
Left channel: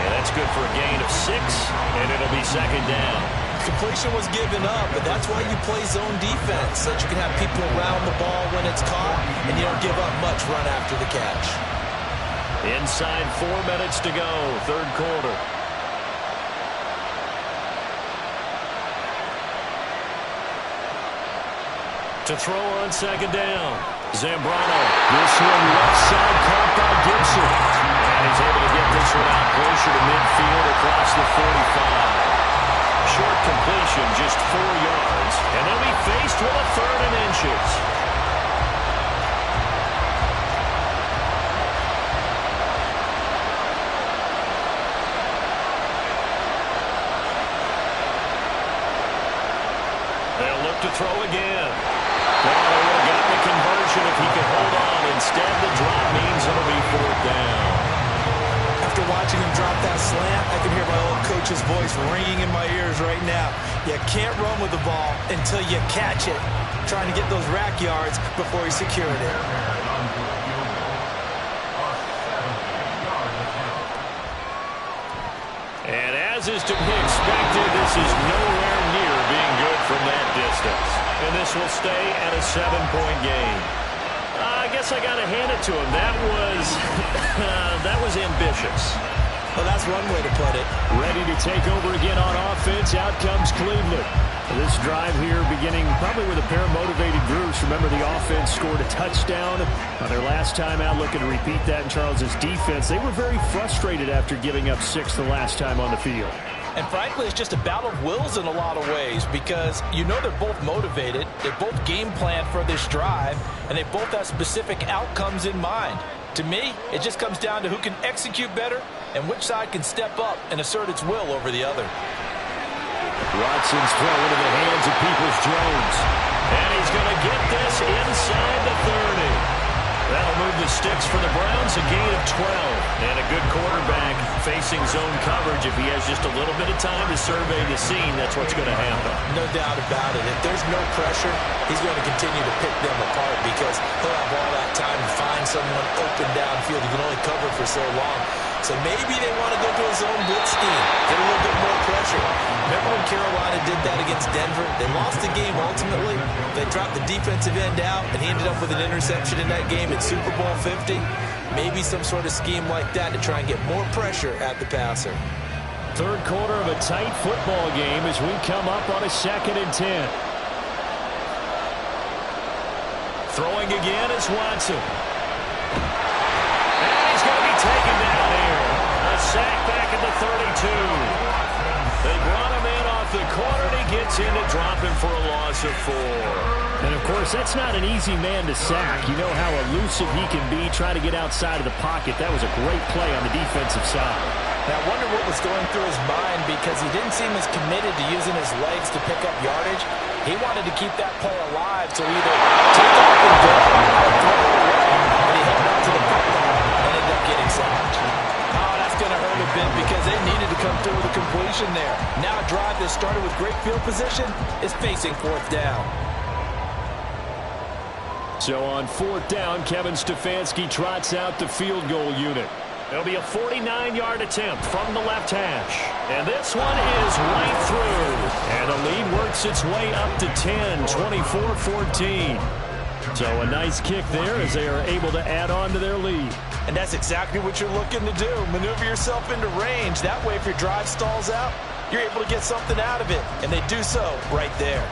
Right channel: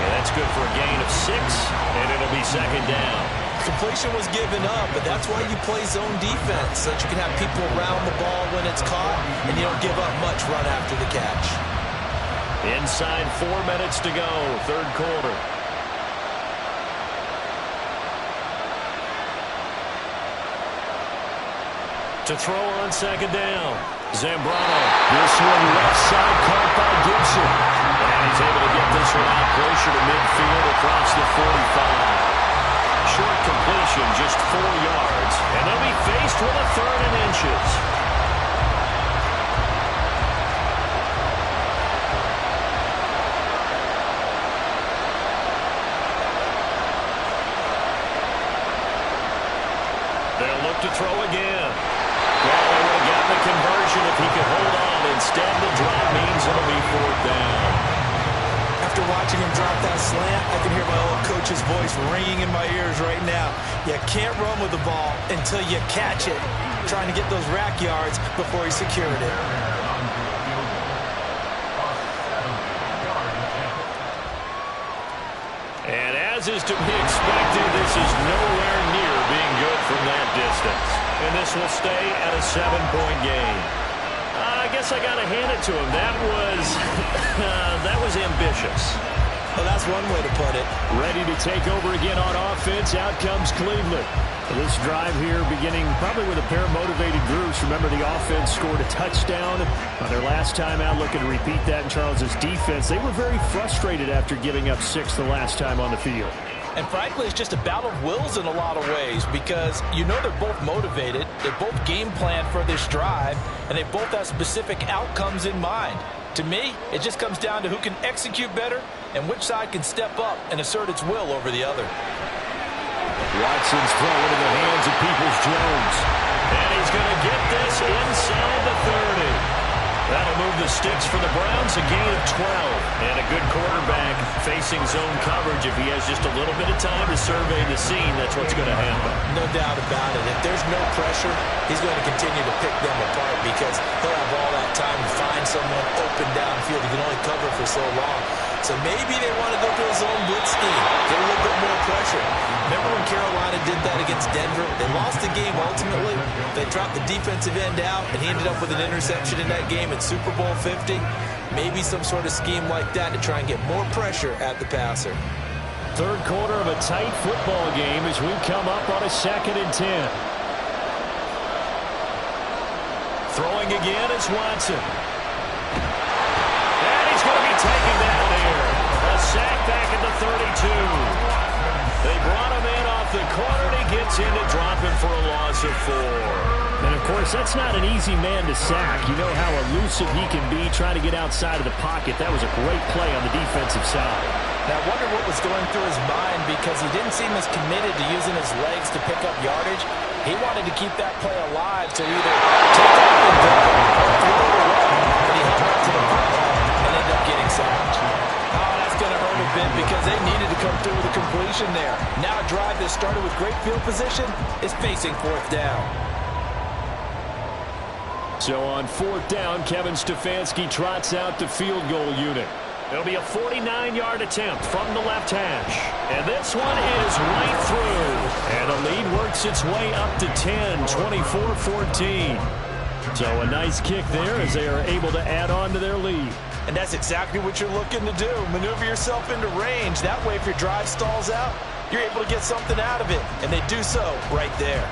And that's good for a gain of 6, and it'll be second down. Completion was given up, but that's why you play zone defense, so that you can have people around the ball when it's caught, and you don't give up much run after the catch. Inside 4 minutes to go, third quarter. To throw on second down, Zambrano. This one left side caught by Gibson. And he's able to get this one out closer to midfield across the 45. Short completion, just 4 yards. And they'll be faced with a 3rd and inches. They'll look to throw again. Well, they would have gotten the conversion if he could hold on. Instead, the drop means it'll be 4th down. After watching him drop that slant, I can hear my old coach's voice ringing in my ears right now. You can't run with the ball until you catch it. Trying to get those rack yards before he secured it. And as is to be expected, this is nowhere near being good from that distance. And this will stay at a 7-point game. I guess I got to hand it to him. That was ambitious. Well, that's one way to put it. Ready to take over again on offense. Out comes Cleveland. This drive here beginning probably with a pair of motivated groups. Remember, the offense scored a touchdown on their last time out. Looking to repeat that in Charles's defense. They were very frustrated after giving up 6 the last time on the field. And frankly, it's just a battle of wills in a lot of ways, because you know they're both motivated, they both game plan for this drive, and they both have specific outcomes in mind. To me, it just comes down to who can execute better and which side can step up and assert its will over the other. Watson's throw into the hands of Peoples-Jones. And he's going to get this inside the 30. That'll move the sticks for the Browns, a gain of 12. And a good quarterback facing zone coverage. If he has just a little bit of time to survey the scene, that's what's going to happen. No doubt about it. If there's no pressure, he's going to continue to pick them apart, because he'll have all that time to find someone open downfield. He can only cover for so long. So maybe they want to go to a zone blitz scheme, get a little bit more pressure. Remember when Carolina did that against Denver? They lost the game ultimately. They dropped the defensive end out, and he ended up with an interception in that game at Super Bowl 50. Maybe some sort of scheme like that to try and get more pressure at the passer. Third quarter of a tight football game as we come up on a 2nd and 10. Throwing again is Watson. And he's going to be taken down here. A sack back at the 32. They brought him in off the corner, and he gets in to drop him for a loss of 4. And, of course, that's not an easy man to sack. You know how elusive he can be trying to get outside of the pocket. That was a great play on the defensive side. Now, I wonder what was going through his mind, because he didn't seem as committed to using his legs to pick up yardage. He wanted to keep that play alive to either take off and go or throw it away. But he held on to the football and ended up getting sacked. Oh, that's going to hurt a bit, because they needed to come through with a completion there. Now a drive that started with great field position is facing 4th down. So on 4th down, Kevin Stefanski trots out the field goal unit. It'll be a 49-yard attempt from the left hash. And this one is right through. And the lead works its way up to 10, 24-14. So a nice kick there as they are able to add on to their lead. And that's exactly what you're looking to do. Maneuver yourself into range. That way, if your drive stalls out, you're able to get something out of it. And they do so right there.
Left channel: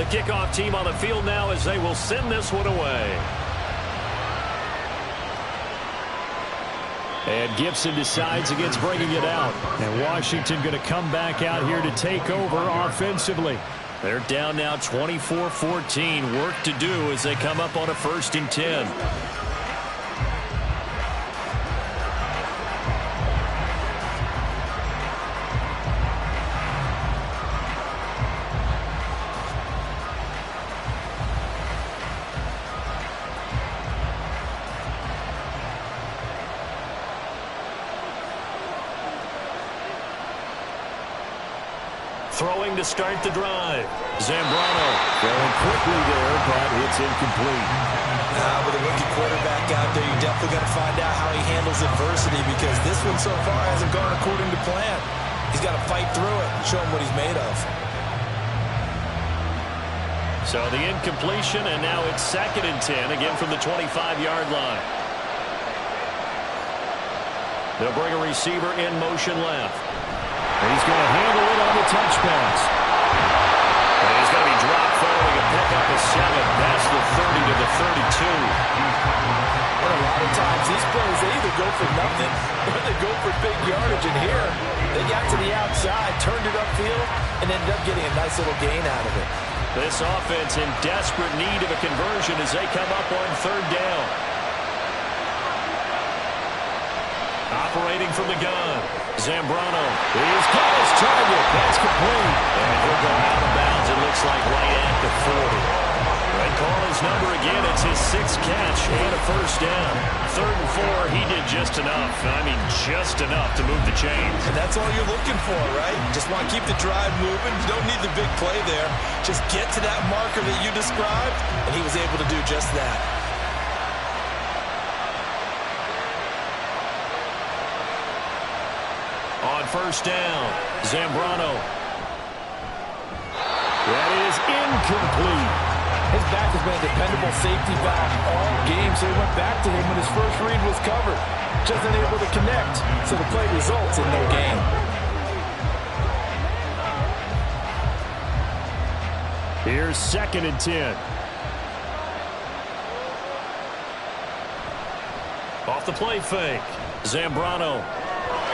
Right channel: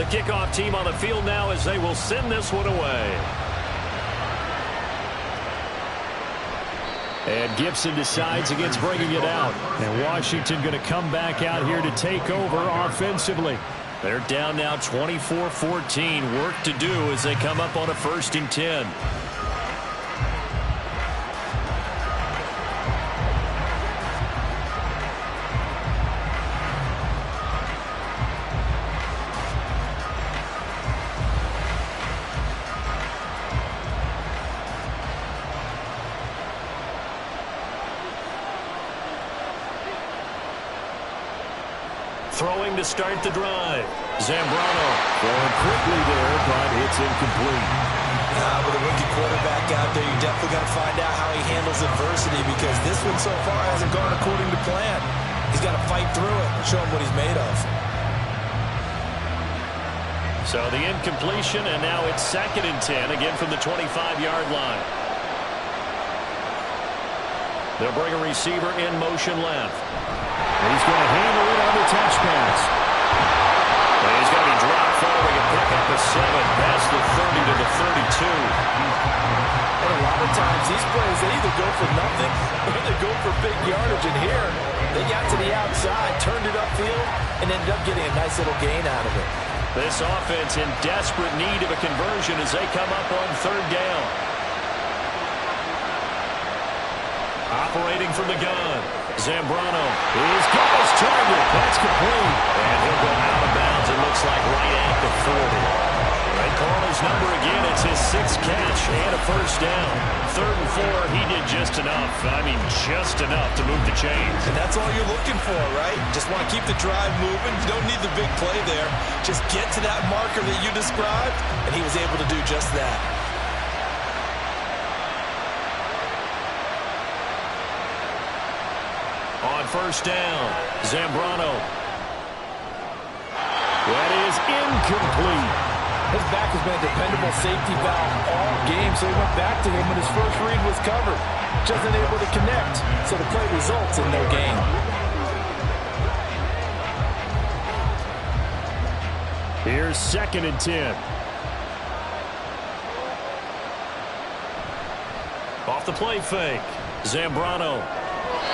The kickoff team on the field now as they will send this one away. And Gibson decides against bringing it out. And Washington going to come back out here to take over offensively. They're down now 24-14. Work to do as they come up on a 1st and 10. Throwing to start the drive. Zambrano throwing quickly there, but it's incomplete. With a rookie quarterback out there, you definitely got to find out how he handles adversity, because this one so far hasn't gone according to plan. He's got to fight through it and show him what he's made of. So the incompletion, and now it's 2nd and 10, again from the 25-yard line. They'll bring a receiver in motion left. He's going to handle it on the touch pass. And he's going to be dropped following a pickup of 7 past the 30 to the 32. And a lot of times these plays, they either go for nothing or they go for big yardage. And here, they got to the outside, turned it upfield, and ended up getting a nice little gain out of it. This offense in desperate need of a conversion as they come up on 3rd down. Operating from the gun. Zambrano, he's got his target. That's complete. And he'll go out of bounds, it looks like, right at the 40. They call his number again. It's his 6th catch and a 1st down. 3rd and 4, he did just enough. I mean, just enough to move the chains. And that's all you're looking for, right? Just want to keep the drive moving. You don't need the big play there. Just get to that marker that you described, and he was able to do just that. On 1st down, Zambrano. That is incomplete. His back has been a dependable safety valve all game, so he went back to him when his first read was covered. Just unable to connect, so the play results in no gain. Here's 2nd and 10. Off the play fake, Zambrano.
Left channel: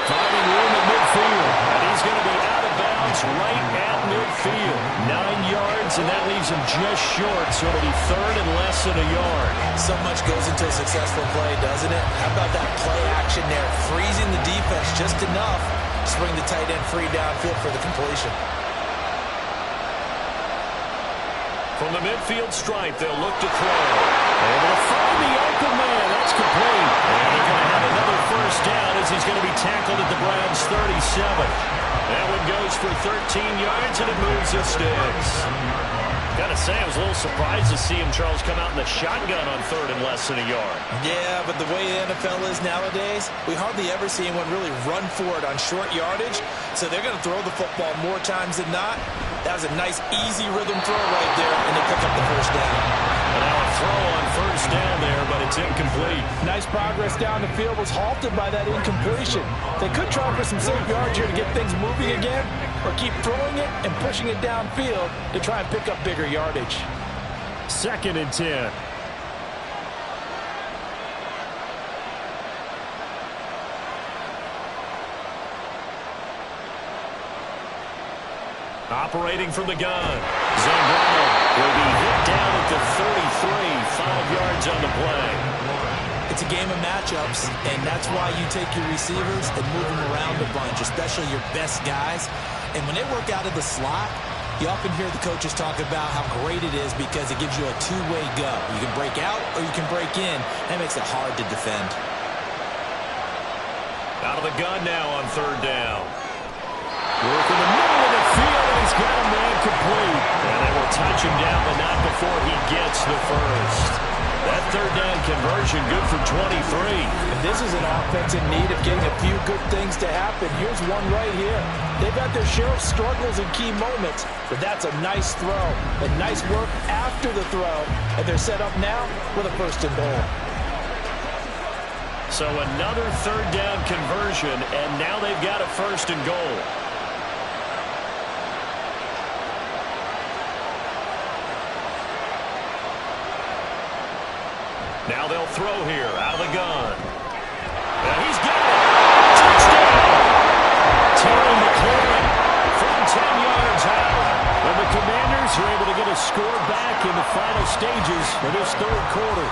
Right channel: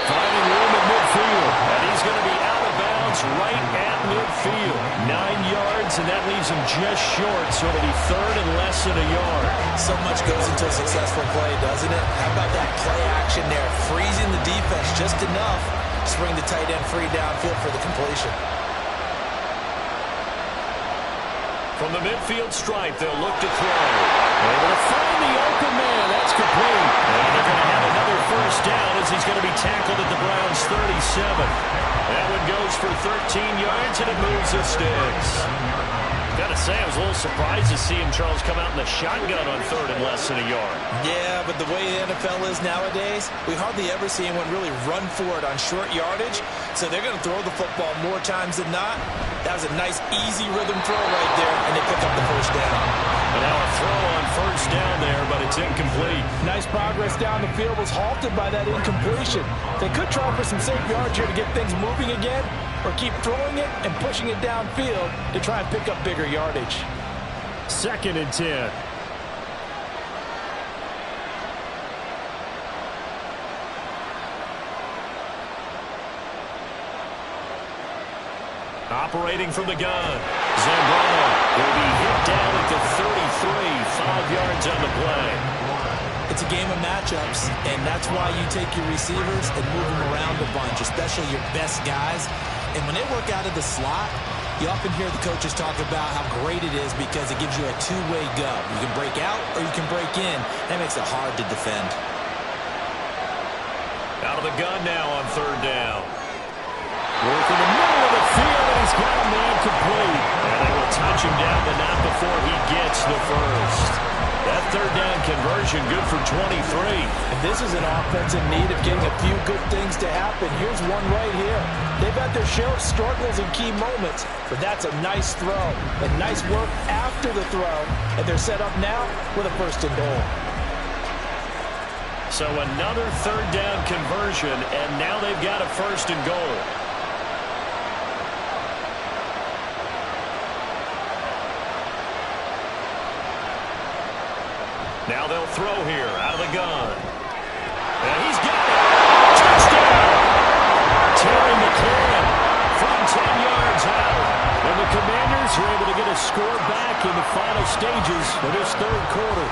Finding room at midfield. And he's going to be out of bounds right at midfield. 9 yards, and that leaves him just short, so it'll be 3rd and less than a yard. So much goes into a successful play, doesn't it? How about that play action there? Freezing the defense just enough to bring the tight end free downfield for the completion. From the midfield stripe, they'll look to throw. Able to find the open man. That's complete. And they're going to have another 1st down as he's going to be tackled at the Browns' 37. That one goes for 13 yards, and it moves the sticks. Got to say, I was a little surprised to see him, Charles, come out in the shotgun on 3rd and less than a yard. Yeah, but the way the NFL is nowadays, we hardly ever see anyone really run for it on short yardage. So they're going to throw the football more times than not. That was a nice, easy rhythm throw right there, and they pick up the 1st down. But now a throw on 1st down there, but it's incomplete. Nice progress down the field was halted by that incompletion. They could try for some safe yards here to get things moving again, or keep throwing it and pushing it downfield to try and pick up bigger yardage. 2nd and 10. Operating from the gun, Zambrano will be hit down at the 33, 5 yards on the play. It's a game of matchups, and that's why you take your receivers and move them around a bunch, especially your best guys. And when they work out of the slot, you often hear the coaches talk about how great it is because it gives you a two-way go. You can break out or you can break in. That makes it hard to defend. Out of the gun now on 3rd down. Work in the middle of the field, and he's got a man complete. And they will touch him down, but not before he gets the 1st. That 3rd down conversion good for 23. And this is an offense in need of getting a few good things to happen. Here's one right here. They've had their share of struggles in key moments, but that's a nice throw. And nice work after the throw. And they're set up now with a 1st and goal. So another 3rd down conversion, and now they've got a 1st and goal. Now they'll throw here out of the gun. And he's got it. Touchdown. Terry McLaurin from 10 yards out. And the Commanders are able to get a score back in the final stages of this third quarter.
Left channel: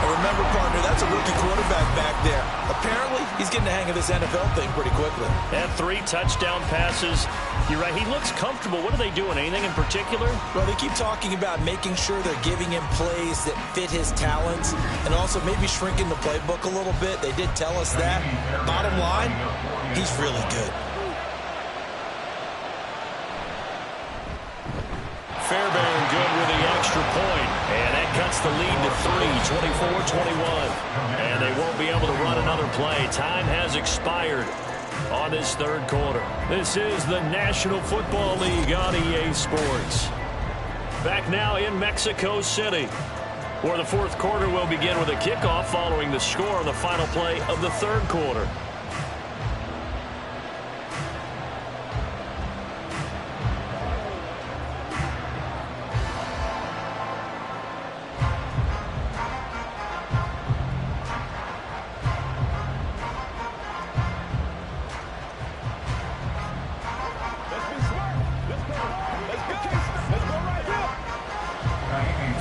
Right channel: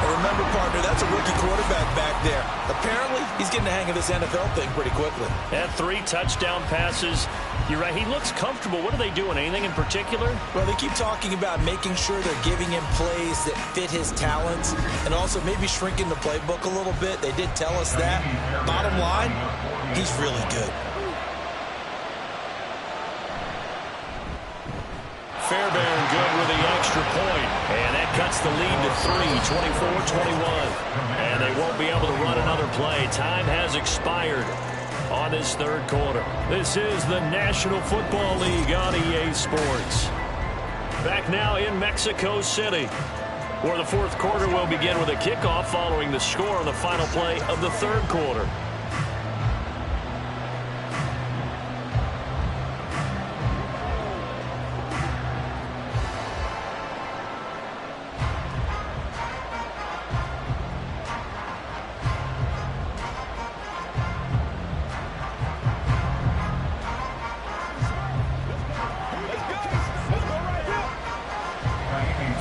And remember, partner, that's a rookie quarterback back there. Apparently, he's getting the hang of this NFL thing pretty quickly. Had 3 touchdown passes. You're right, he looks comfortable. What are they doing? Anything in particular? Well, they keep talking about making sure they're giving him plays that fit his talents and also maybe shrinking the playbook a little bit. They did tell us that. Bottom line, he's really good. Fairbairn good with the extra point. And that cuts the lead to 3, 24-21. And they won't be able to run another play. Time has expired on this third quarter. This is the National Football League on EA Sports. Back now in Mexico City, where the fourth quarter will begin with a kickoff following the score on the final play of the third quarter.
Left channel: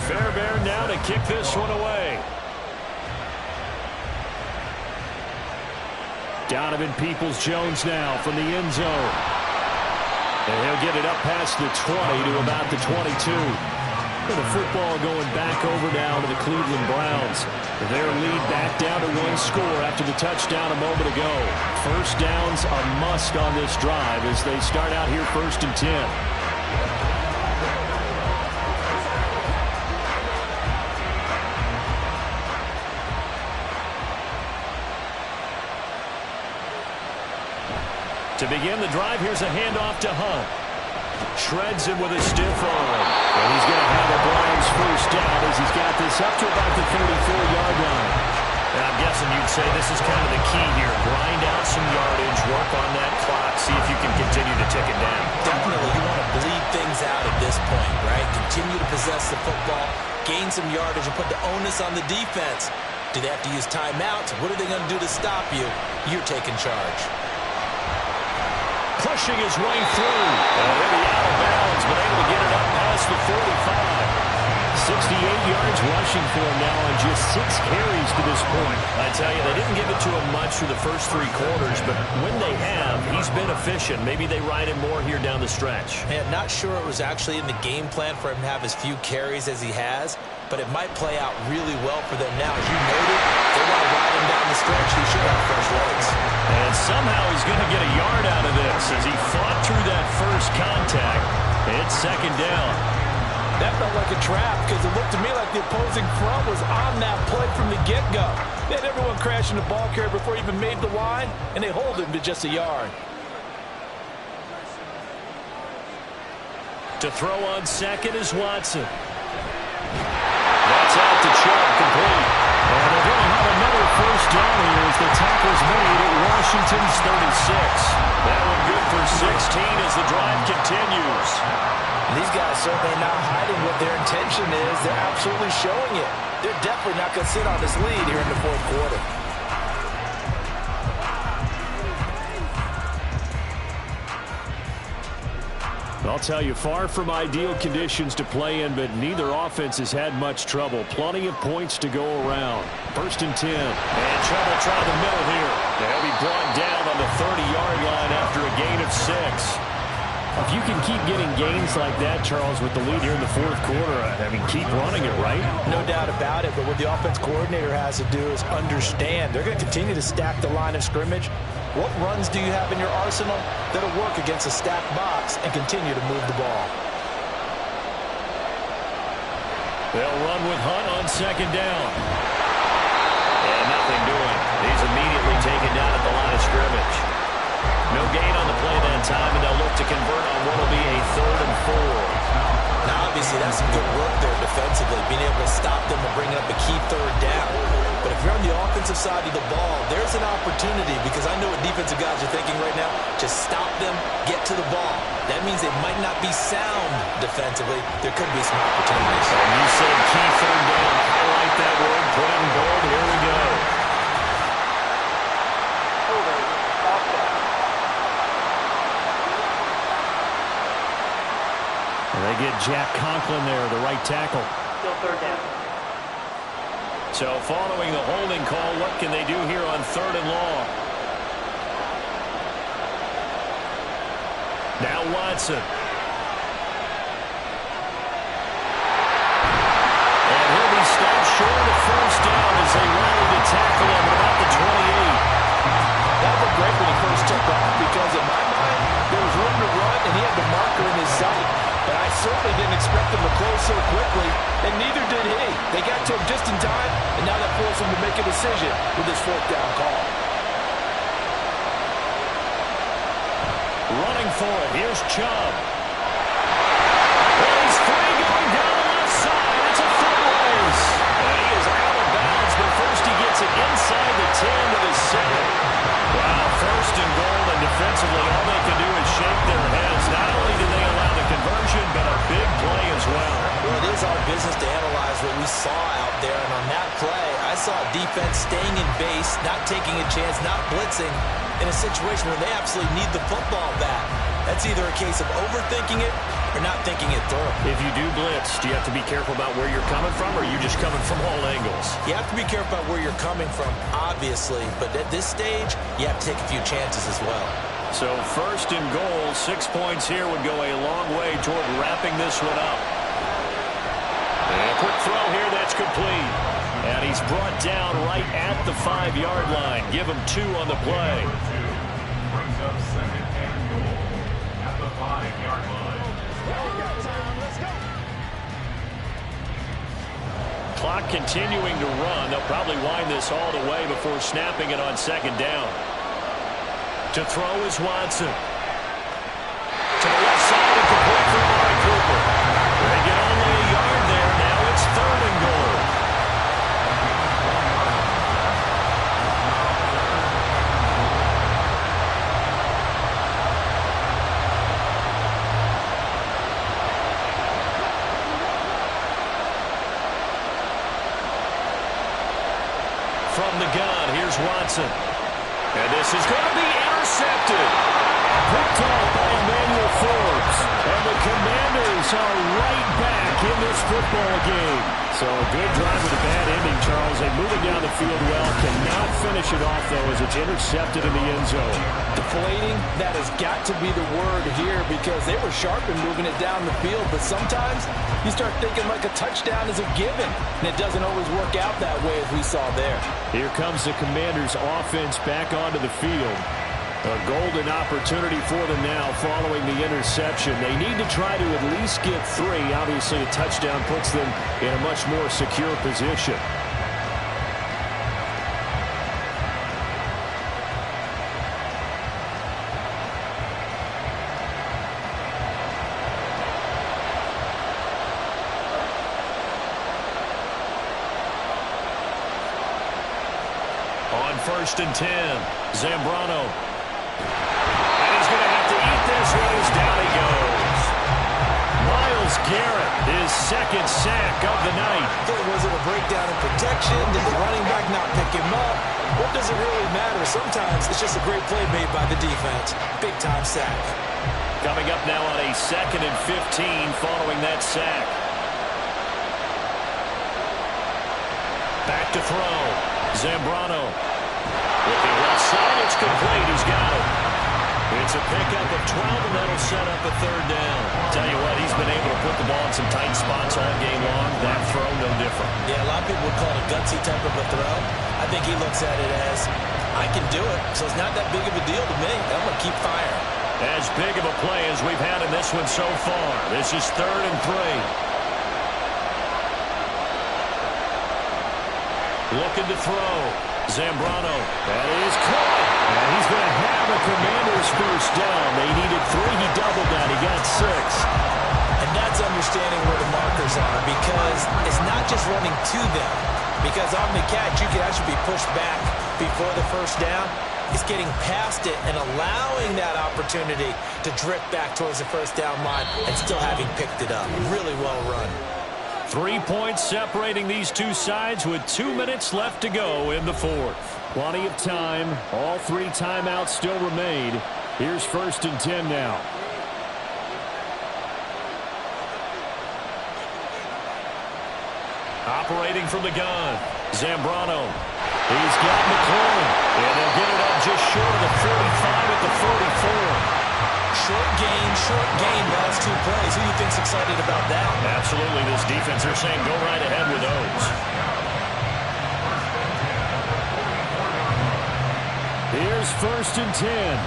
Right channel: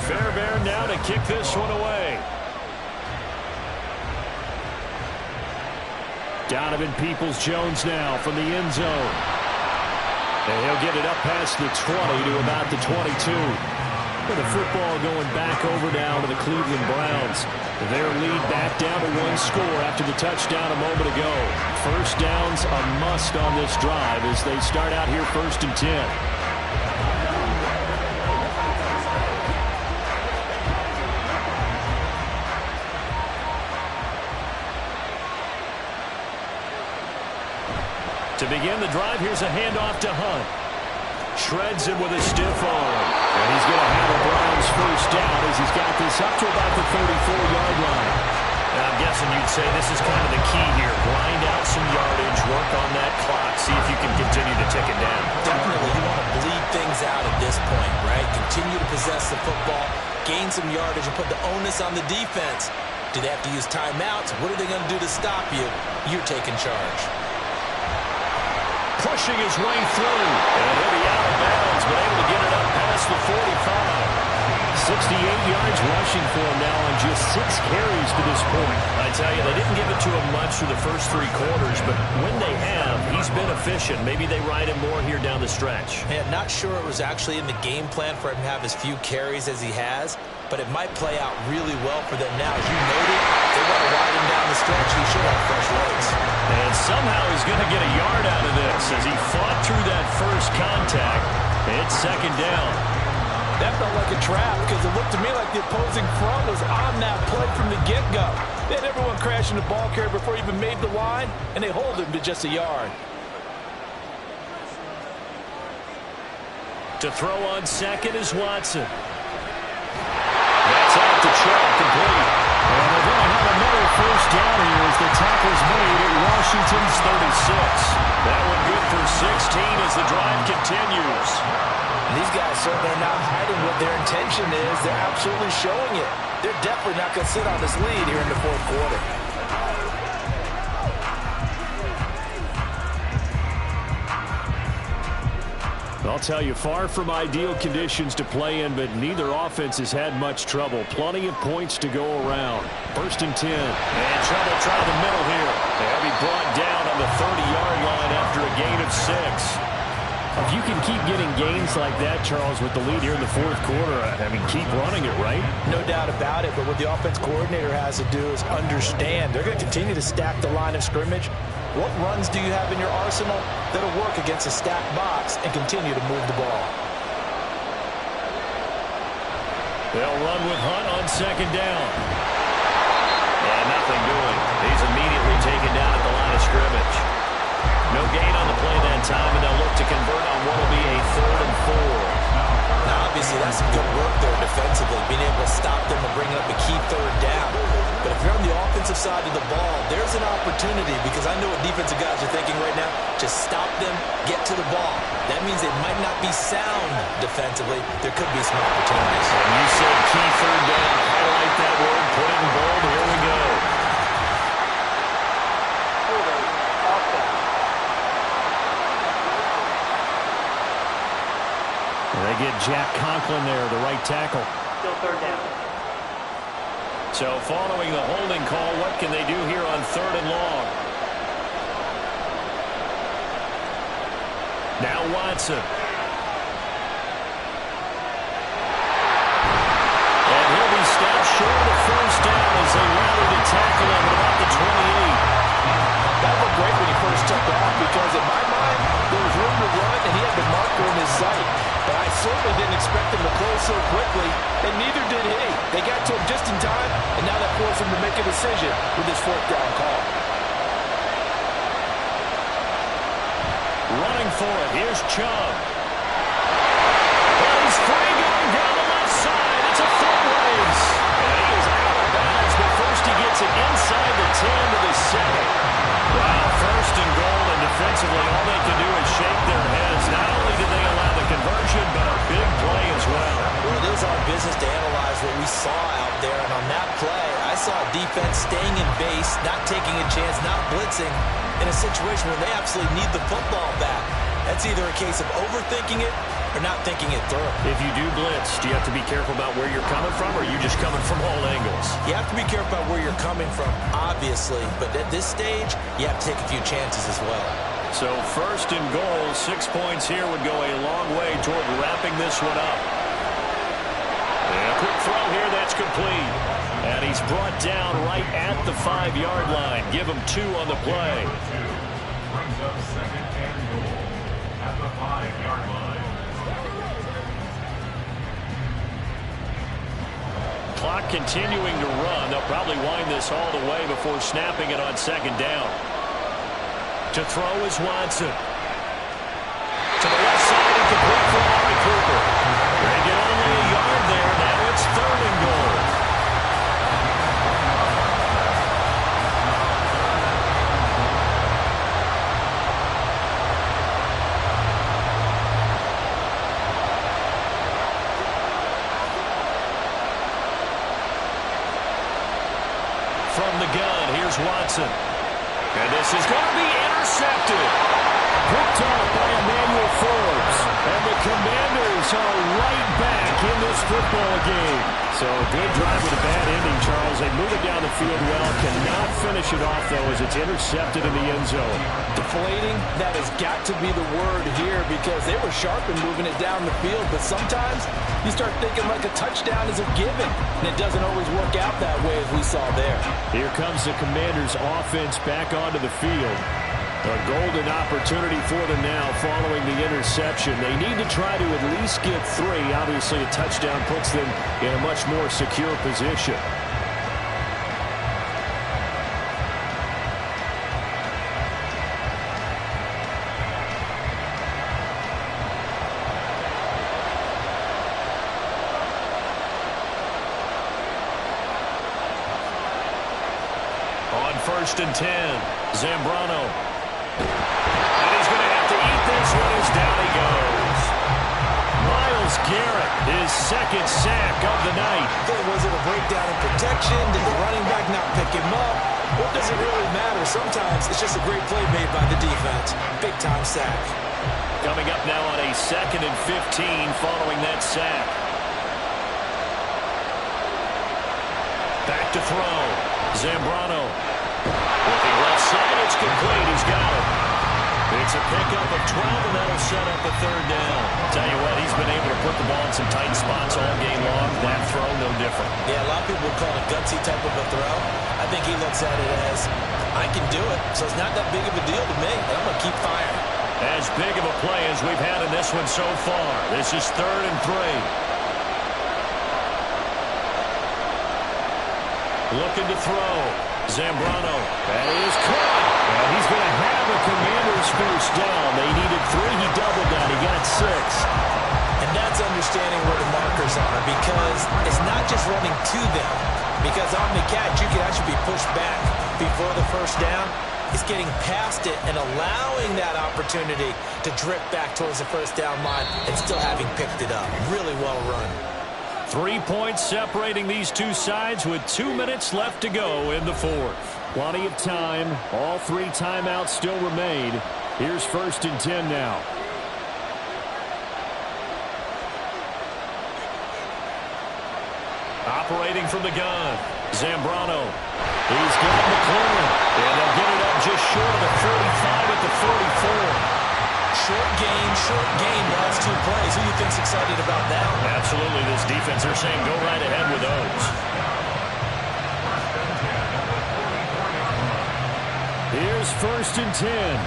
Fairbairn now to kick this one away. Donovan Peoples-Jones now from the end zone. And he'll get it up past the 20 to about the 22. With the football going back over now to the Cleveland Browns. Their lead back down to 1 score after the touchdown a moment ago. First downs a must on this drive as they start out here 1st and 10. To begin the drive, here's a handoff to Hunt. Shreds him with a stiff arm. And he's going to have a Browns first down as he's got this up to about the 34-yard line. And I'm guessing you'd say this is kind of the key here. Grind out some yardage, work on that clock, see if you can continue to tick it down. Definitely, you want to bleed things out at this point, right? Continue to possess the football, gain some yardage, and put the onus on the defense. Do they have to use timeouts? What are they going to do to stop you? You're taking charge. Pushing his way through. And he'll be out of bounds, but able to get it up past the 45. 68 yards rushing for him now on just 6 carries to this point. I tell you, they didn't give it to him much through the first 3 quarters, but when they have, he's been efficient. Maybe they ride him more here down the stretch. Man, not sure it was actually in the game plan for him to have as few carries as he has, but it might play out really well for them now. As you noted, they want to ride him down the stretch. He should have fresh legs. And somehow he's going to get a yard out of this as he fought through that first contact. It's 2nd down. That felt like a trap because it looked to me like the opposing front was on that play from the get-go. They had everyone crashing the ball carrier before he even made the line, and they hold him to just a yard. To throw on second is Watson. That's out to Chubb, complete. And they're going to have another first down here as the tackle's made at Washington's 36. That one good for 16 as the drive continues. And these guys certainly are not hiding what their intention is. They're absolutely showing it. They're definitely not going to sit on this lead here in the fourth quarter. I'll tell you, far from ideal conditions to play in, but neither offense has had much trouble. Plenty of points to go around. 1st and 10. And trouble trying the middle here. They'll be brought down on the 30-yard line after a gain of 6. If you can keep getting gains like that, Charles, with the lead here in the fourth quarter, I mean, keep running it, right? No doubt about it, but what the offense coordinator has to do is understand. They're going to continue to stack the line of scrimmage. What runs do you have in your arsenal that'll work against a stacked box and continue to move the ball? They'll run with Hunt on 2nd down. And nothing doing. He's immediately taken down at the line of scrimmage. No gain on the play that time, and they'll look to convert on what will be a 3rd and 4. Now, obviously, see, that's some good work there defensively, being able to stop them and bring up a key third down. But if you're on the offensive side of the ball, there's an opportunity, because I know what defensive guys are thinking right now. Just stop them, get to the ball. That means they might not be sound defensively. There could be some opportunities. And you said key third down. Highlight that word, put it in bold. Here we go. And they get Jack Conklin there, the right tackle. Still third down. So following the holding call, what can they do here on 3rd and long? Now Watson. And he'll be stopped short of the first down as they rally to tackle him at about the 28. That looked great when he first took off, because in my mind, there was room to run and he had the marker in his sight. But I certainly didn't expect him to close so quickly, and neither did he. They got to him just in time, and now that forced him to make a decision with this 4th down call. Running for it, here's Chubb. And he's free going down the left side. It's a foot race. And he is out of bounds, but first he gets it inside the 10 to the 7. Wow, 1st and goal, and defensively all they can do is shake their heads. Not only did they allow the conversion, but a big play as well. Well, it is our business to analyze what we saw out there, and on that play, I saw defense staying in base, not taking a chance, not blitzing, in a situation where they absolutely need the football back. That's either a case of overthinking it or not thinking it through. If you do blitz, do you have to be careful about where you're coming from, or are you just coming from all angles? You have to be careful about where you're coming from, obviously, but at this stage, you have to take a few chances as well. So 1st and goal, 6 points here would go a long way toward wrapping this one up. And a quick throw here, that's complete. And he's brought down right at the 5-yard line. Give him 2 on the play. Brings up 2nd and goal at the 5-yard line. Clock continuing to run. They'll probably wind this all the way before snapping it on 2nd down. To throw is Watson. To the left side and complete for Amari Cooper. They get only a yard there. Now it's 3rd and goal. From the gun, here's Watson. And this is going to be intercepted. Picked off by Emmanuel Forbes. And the Commanders are right back in this football game. So a good drive with a bad ending, Charles. They move it down the field well. Cannot finish it off, though, as it's intercepted in the end zone. Deflating, that has got to be the word here, because they were sharp in moving it down the field. But sometimes you start thinking like a touchdown is a given, and it doesn't always work out that way as we saw there. Here comes the Commanders' offense back onto the field. A golden opportunity for them now following the interception. They need to try to at least get 3. Obviously, a touchdown puts them in a much more secure position. On 1st and 10, Zambrano. And he's going to have to eat this one as down he goes. Myles Garrett, his 2nd sack of the night. Was it a breakdown in protection? Did the running back not pick him up? What does it really matter? Sometimes it's just a great play made by the defense. Big-time sack. Coming up now on a 2nd and 15 following that sack. Back to throw. Zambrano. Looking left side, it's complete. He's got it. It's a pickup of 12, and that'll set up a 3rd down. Tell you what, he's been able to put the ball in some tight spots all game long. That throw, no different. Yeah, a lot of people would call it a gutsy type of a throw. I think he looks at it as, I can do it, so it's not that big of a deal to me, and I'm going to keep firing. As big of a play as we've had in this one so far. This is 3rd and 3. Looking to throw. Zambrano. That is caught. And he's going to have a Commanders first down. They needed 3. He doubled that. He got 6. And that's understanding where the markers are, because it's not just running to them. Because on the catch, you can actually be pushed back before the first down. It's getting past it and allowing that opportunity to drift back towards the first down line and still having picked it up. Really well run. 3 points separating these two sides with 2 minutes left to go in the fourth. Plenty of time. All 3 timeouts still remain. Here's 1st and 10 now. Operating from the gun, Zambrano. He's got McLaurin, and they'll get it up just short of the 45 at the 44. Short gain, last 2 plays. Who do you think's excited about that? Absolutely, this defense, they're saying go right ahead with those. Here's 1st and 10.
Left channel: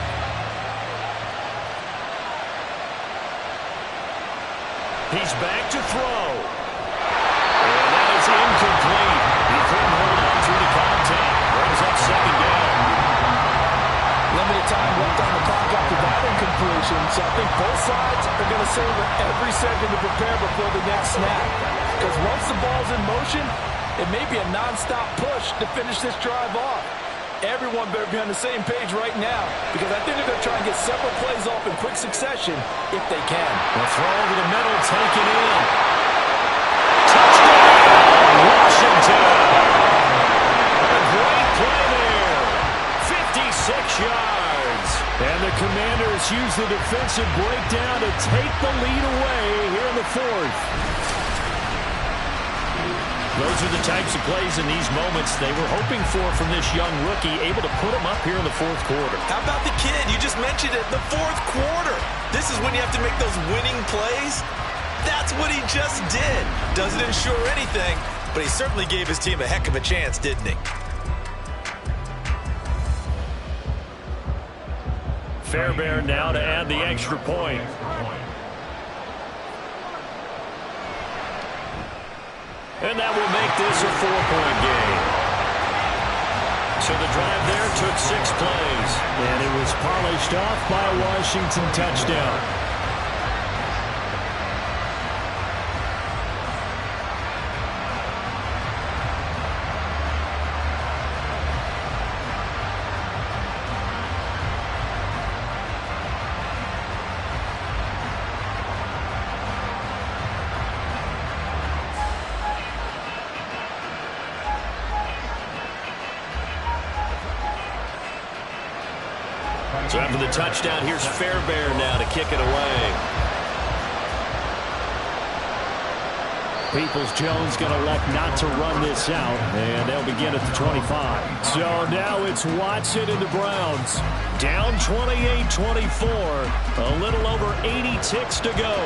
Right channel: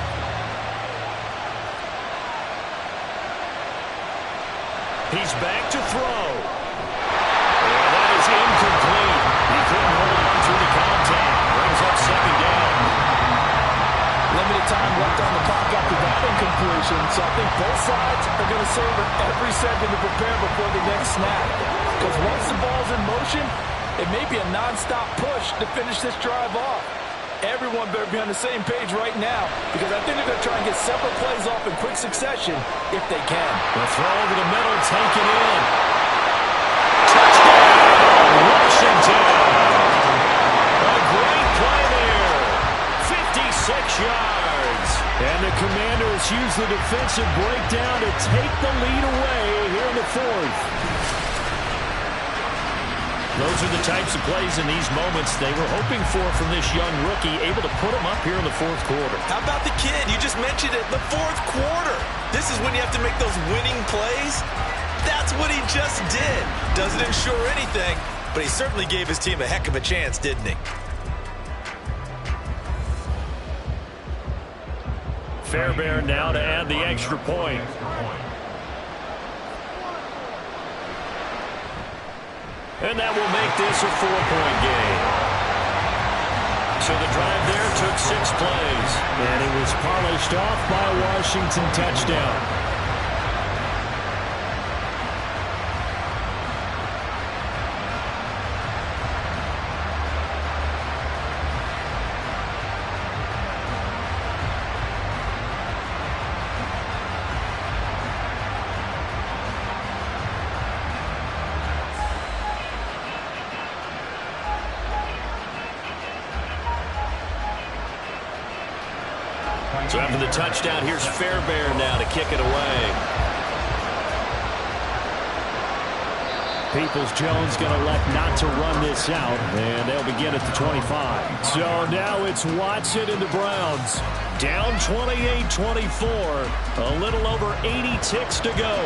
He's back to throw. And that is incomplete. He couldn't hold on through the contact. Brings up 2nd down. Limited time left on the clock after that incompletion, so I think both sides are going to savor every second to prepare before the next snap. Because once the ball's in motion, it may be a non-stop push to finish this drive off. Everyone better be on the same page right now, because I think they're going to try and get several plays off in quick succession if they can. The throw over the middle, taken in. Touchdown, Washington! A great play there. 56 yards. And the Commanders use the defensive breakdown to take the lead away here in the fourth. Those are the types of plays in these moments they were hoping for from this young rookie, able to put them up here in the fourth quarter. How about the kid? You just mentioned it, the fourth quarter. This is when you have to make those winning plays. That's what he just did. Doesn't ensure anything, but he certainly gave his team a heck of a chance, didn't he? Fairbairn now to add the extra point. And that will make this a 4-point game. So the drive there took 6 plays. And it was polished off by a Washington touchdown. So after the touchdown, here's Fairbairn now to kick it away. Peoples-Jones going to elect not to run this out, and they'll begin at the 25. So now it's Watson and the Browns. Down 28-24, a little over 80 ticks to go.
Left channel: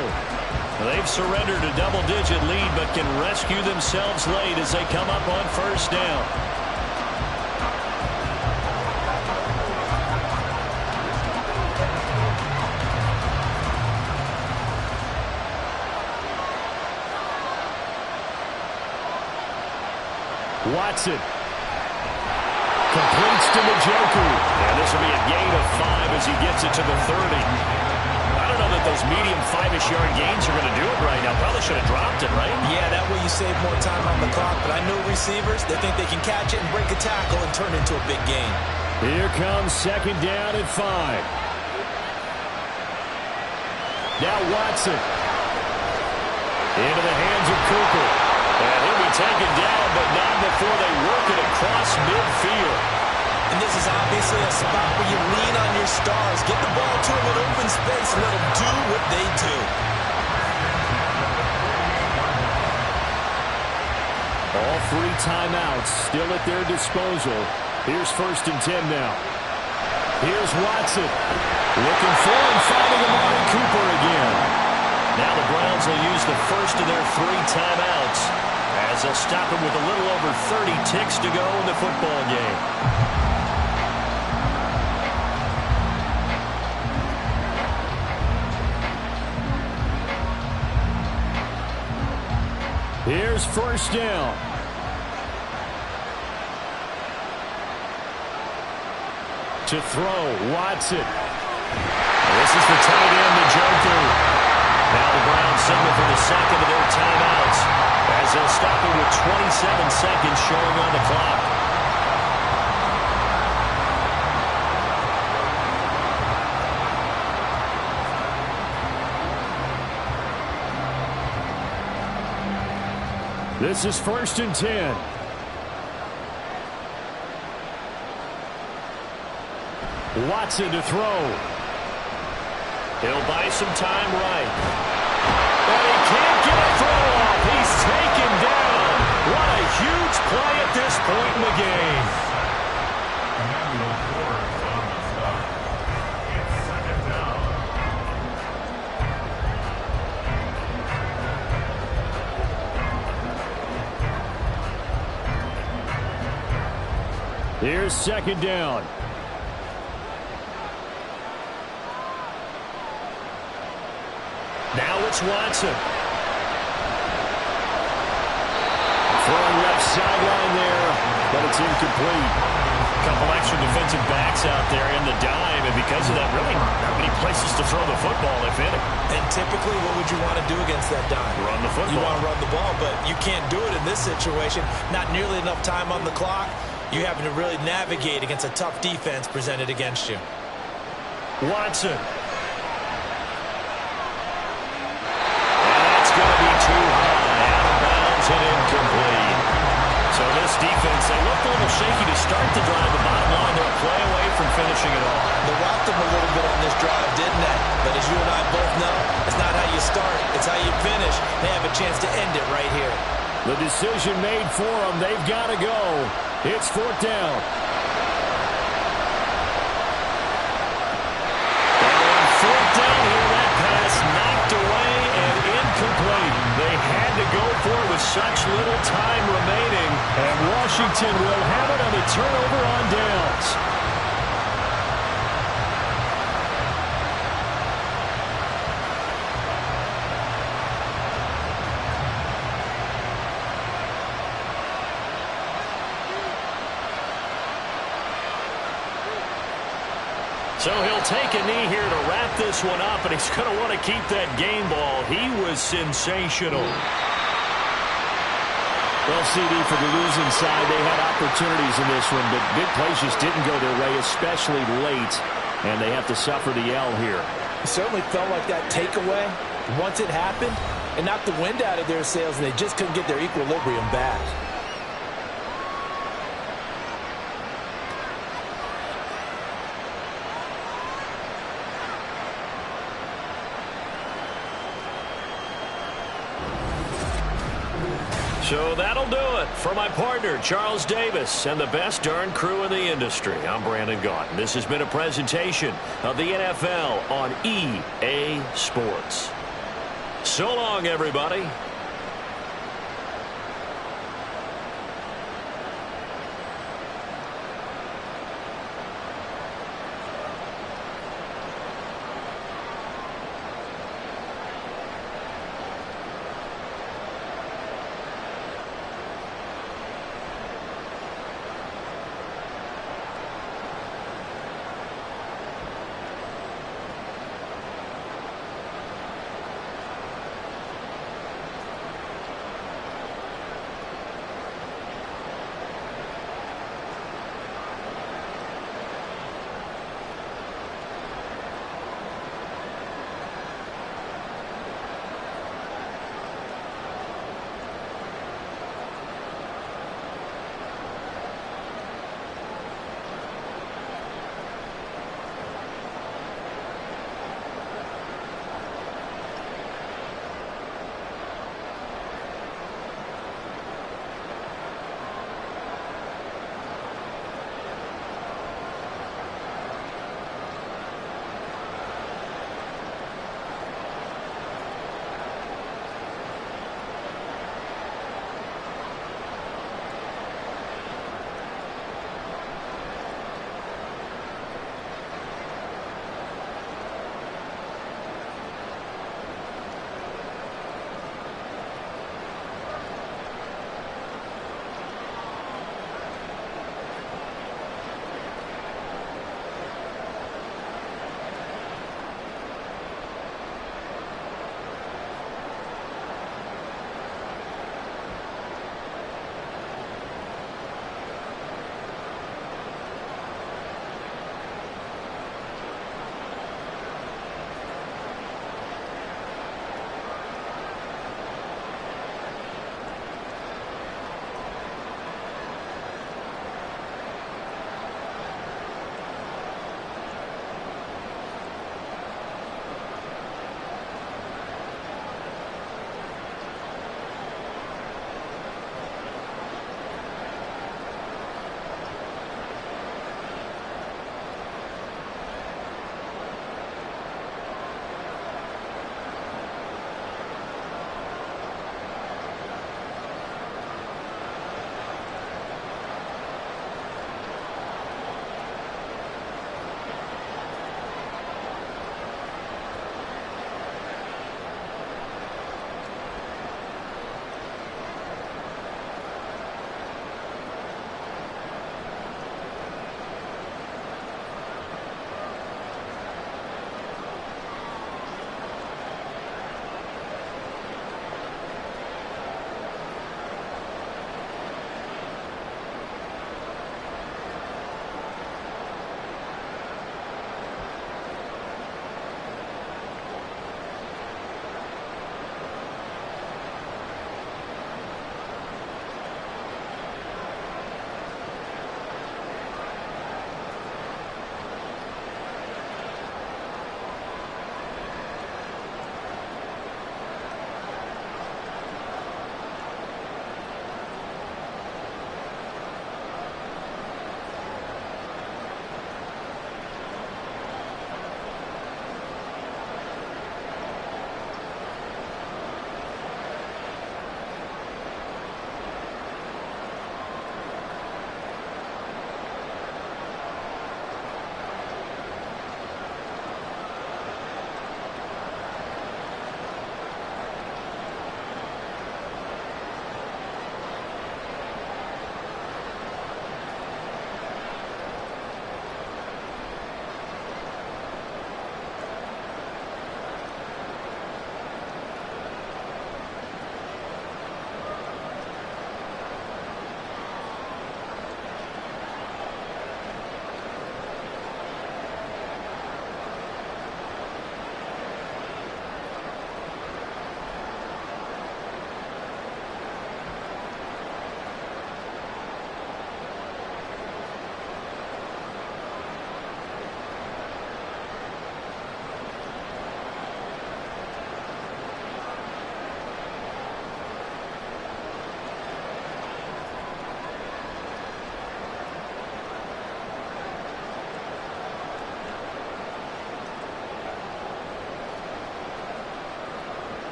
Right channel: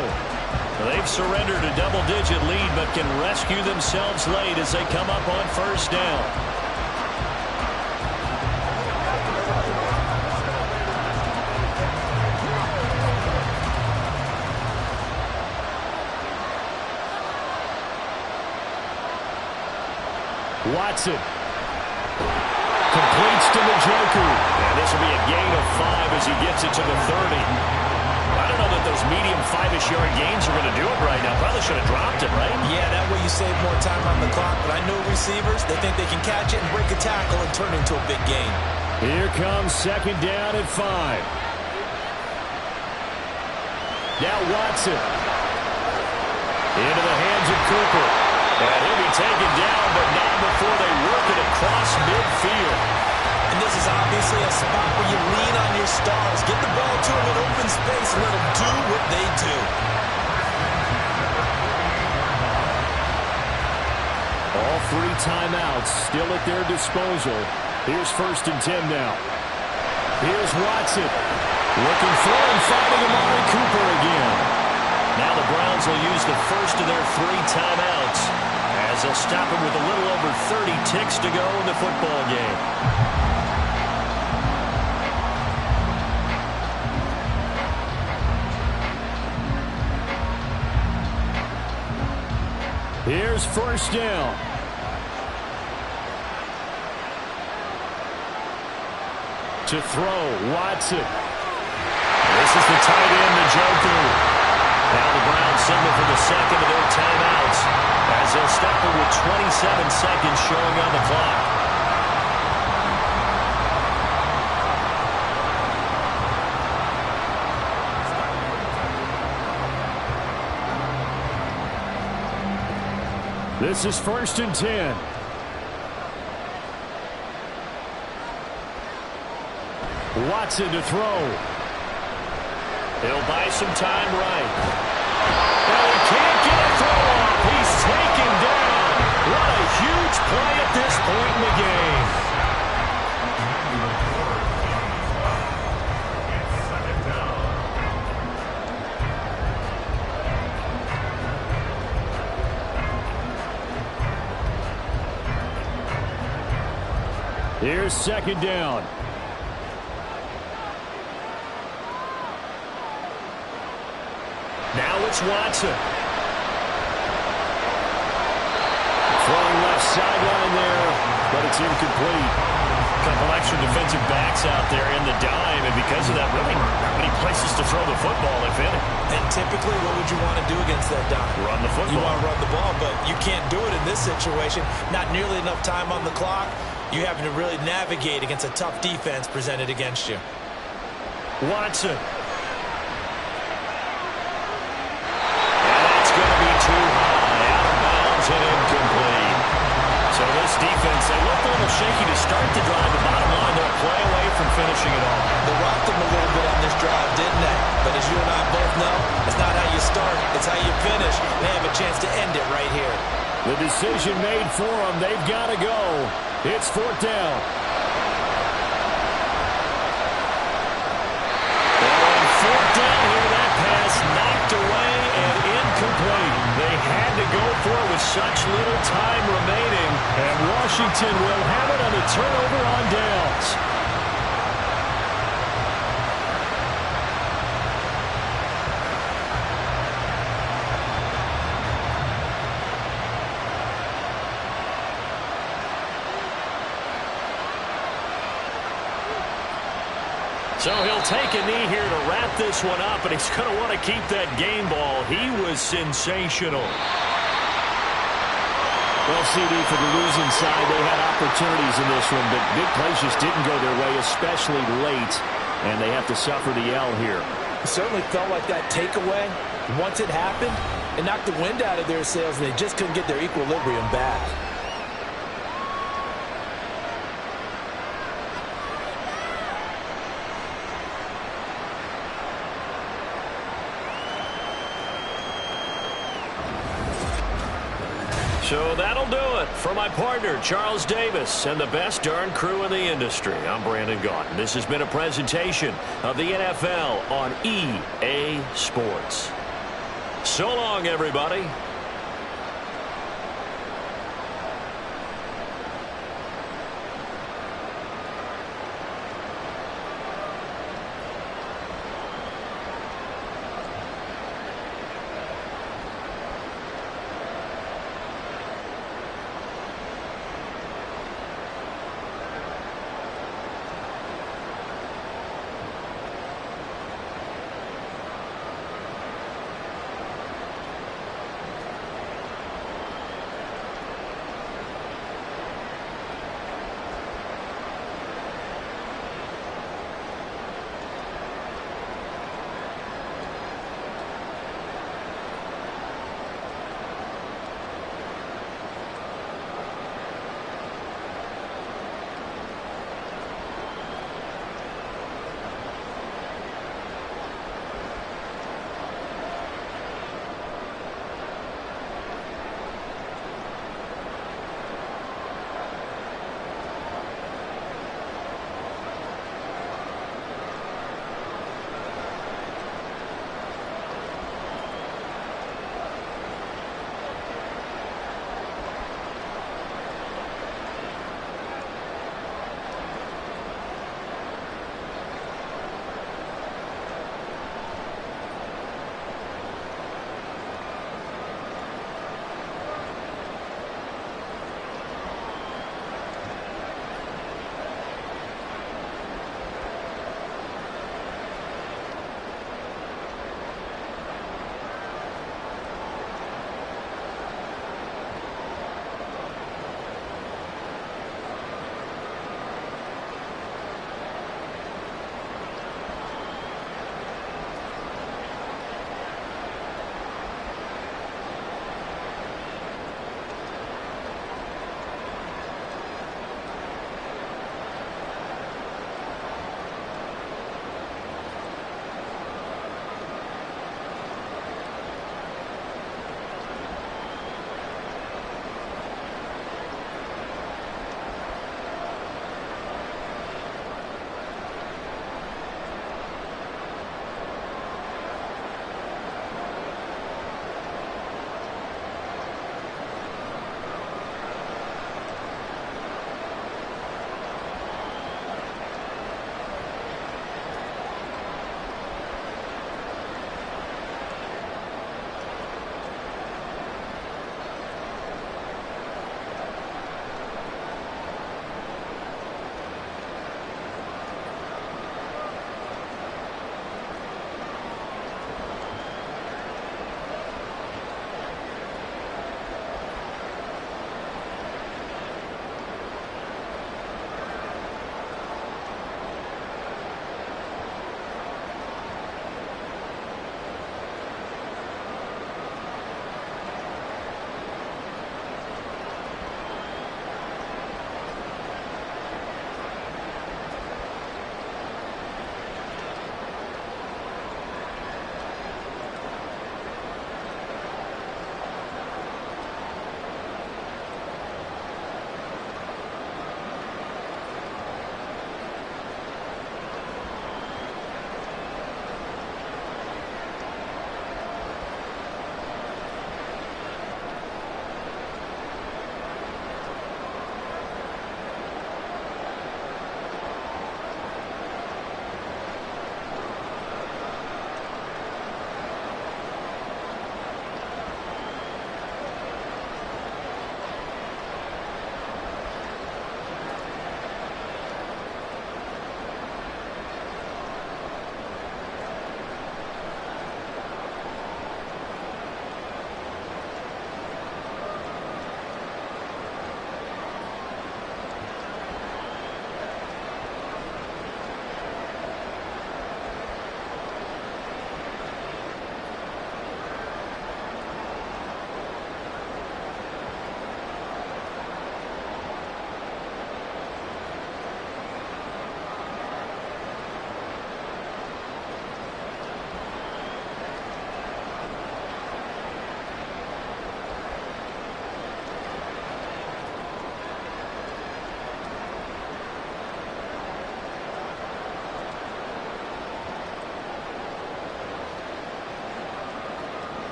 They've surrendered a double-digit lead, but can rescue themselves late as they come up on 1st down. Watson completes to Njoku. And this will be a gain of 5 as he gets it to the 30. I don't know that those medium 5-ish yard gains are going to do it right now. Probably should have dropped it, right? Yeah, that way you save more time on the clock. But I know receivers, they think they can catch it and break a tackle and turn it into a big gain. Here comes 2nd down at 5. Now Watson. Into the hands of Cooper. And he'll be taken down, but not before they work it across midfield. And this is obviously a spot where you lean on your stars. Get the ball to them in open space and let them do what they do. All 3 timeouts still at their disposal. Here's 1st and 10 now. Here's Watson. Looking for and finding Amari Cooper again. Now the Browns will use the first of their 3 timeouts as they'll stop him with a little over 30 ticks to go in the football game. Here's 1st down. To throw, Watson. This is the tight end, Njoku. Now the Browns signal for the second of their timeouts as they'll stop it with 27 seconds showing on the clock. This is 1st and 10. Watson to throw. He'll buy some time right. And he can't get a throw off. He's taken down. What a huge play at this point in the game. It's second down. Here's 2nd down. Now it's Watson. Throwing left sideline there, but it's incomplete. A couple extra defensive backs out there in the dime, and because of that, really not many places to throw the football, if any. And typically, what would you want to do against that dime? Run the football. You want to run the ball, but you can't do it in this situation. Not nearly enough time on the clock. You're having to really navigate against a tough defense presented against you. Watson. Going to be too high, out of bounds and incomplete. So this defense, they looked a little shaky to start the drive. The bottom line, they're a play away from finishing it all. They rocked them a little bit on this drive, didn't they? But as you and I both know, it's not how you start, it's how you finish. They have a chance to end it right here. The decision made for them. They've got to go. It's 4th down. Well, on 4th down here, that pass knocked away and incomplete. They had to go for it with such little time remaining. And Washington will have it on a turnover on downs. So he'll take a knee here to wrap this one up, and he's going to want to keep that game ball. He was sensational. Well, CD, for the losing side, they had opportunities in this one, but big plays just didn't go their way, especially late, and they have to suffer the L here. It certainly felt like that takeaway, once it happened, it knocked the wind out of their sails, and they just couldn't get their equilibrium back. So that'll do it. For my partner, Charles Davis, and the best darn crew in the industry, I'm Brandon Gaudin. This has been a presentation of the NFL on EA Sports. So long, everybody.